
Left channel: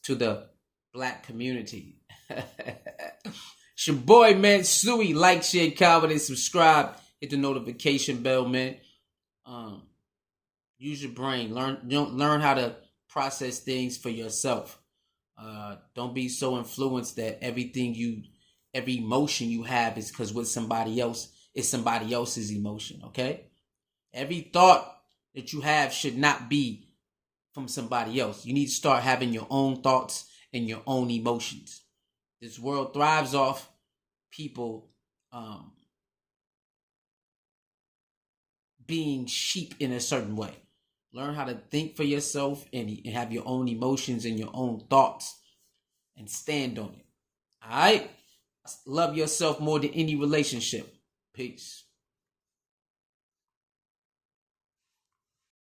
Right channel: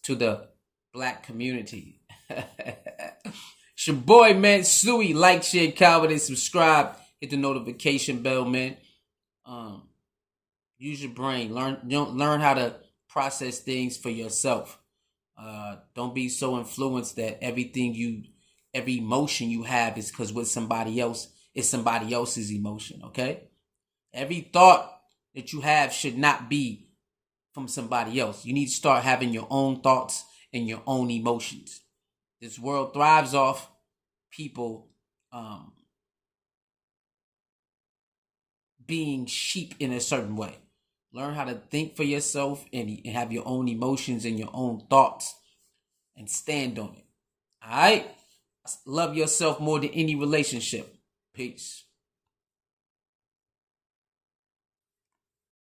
to the black community. It's your boy, man, Suey. Like, share, comment, and subscribe. Hit the notification bell, man. Use your brain. Learn how to process things for yourself. Don't be so influenced that every emotion you have is because with somebody else is somebody else's emotion, okay? Every thought that you have should not be from somebody else. You need to start having your own thoughts and your own emotions. This world thrives off people being sheep in a certain way. Learn how to think for yourself and have your own emotions and your own thoughts and stand on it. All right? Love yourself more than any relationship. Peace.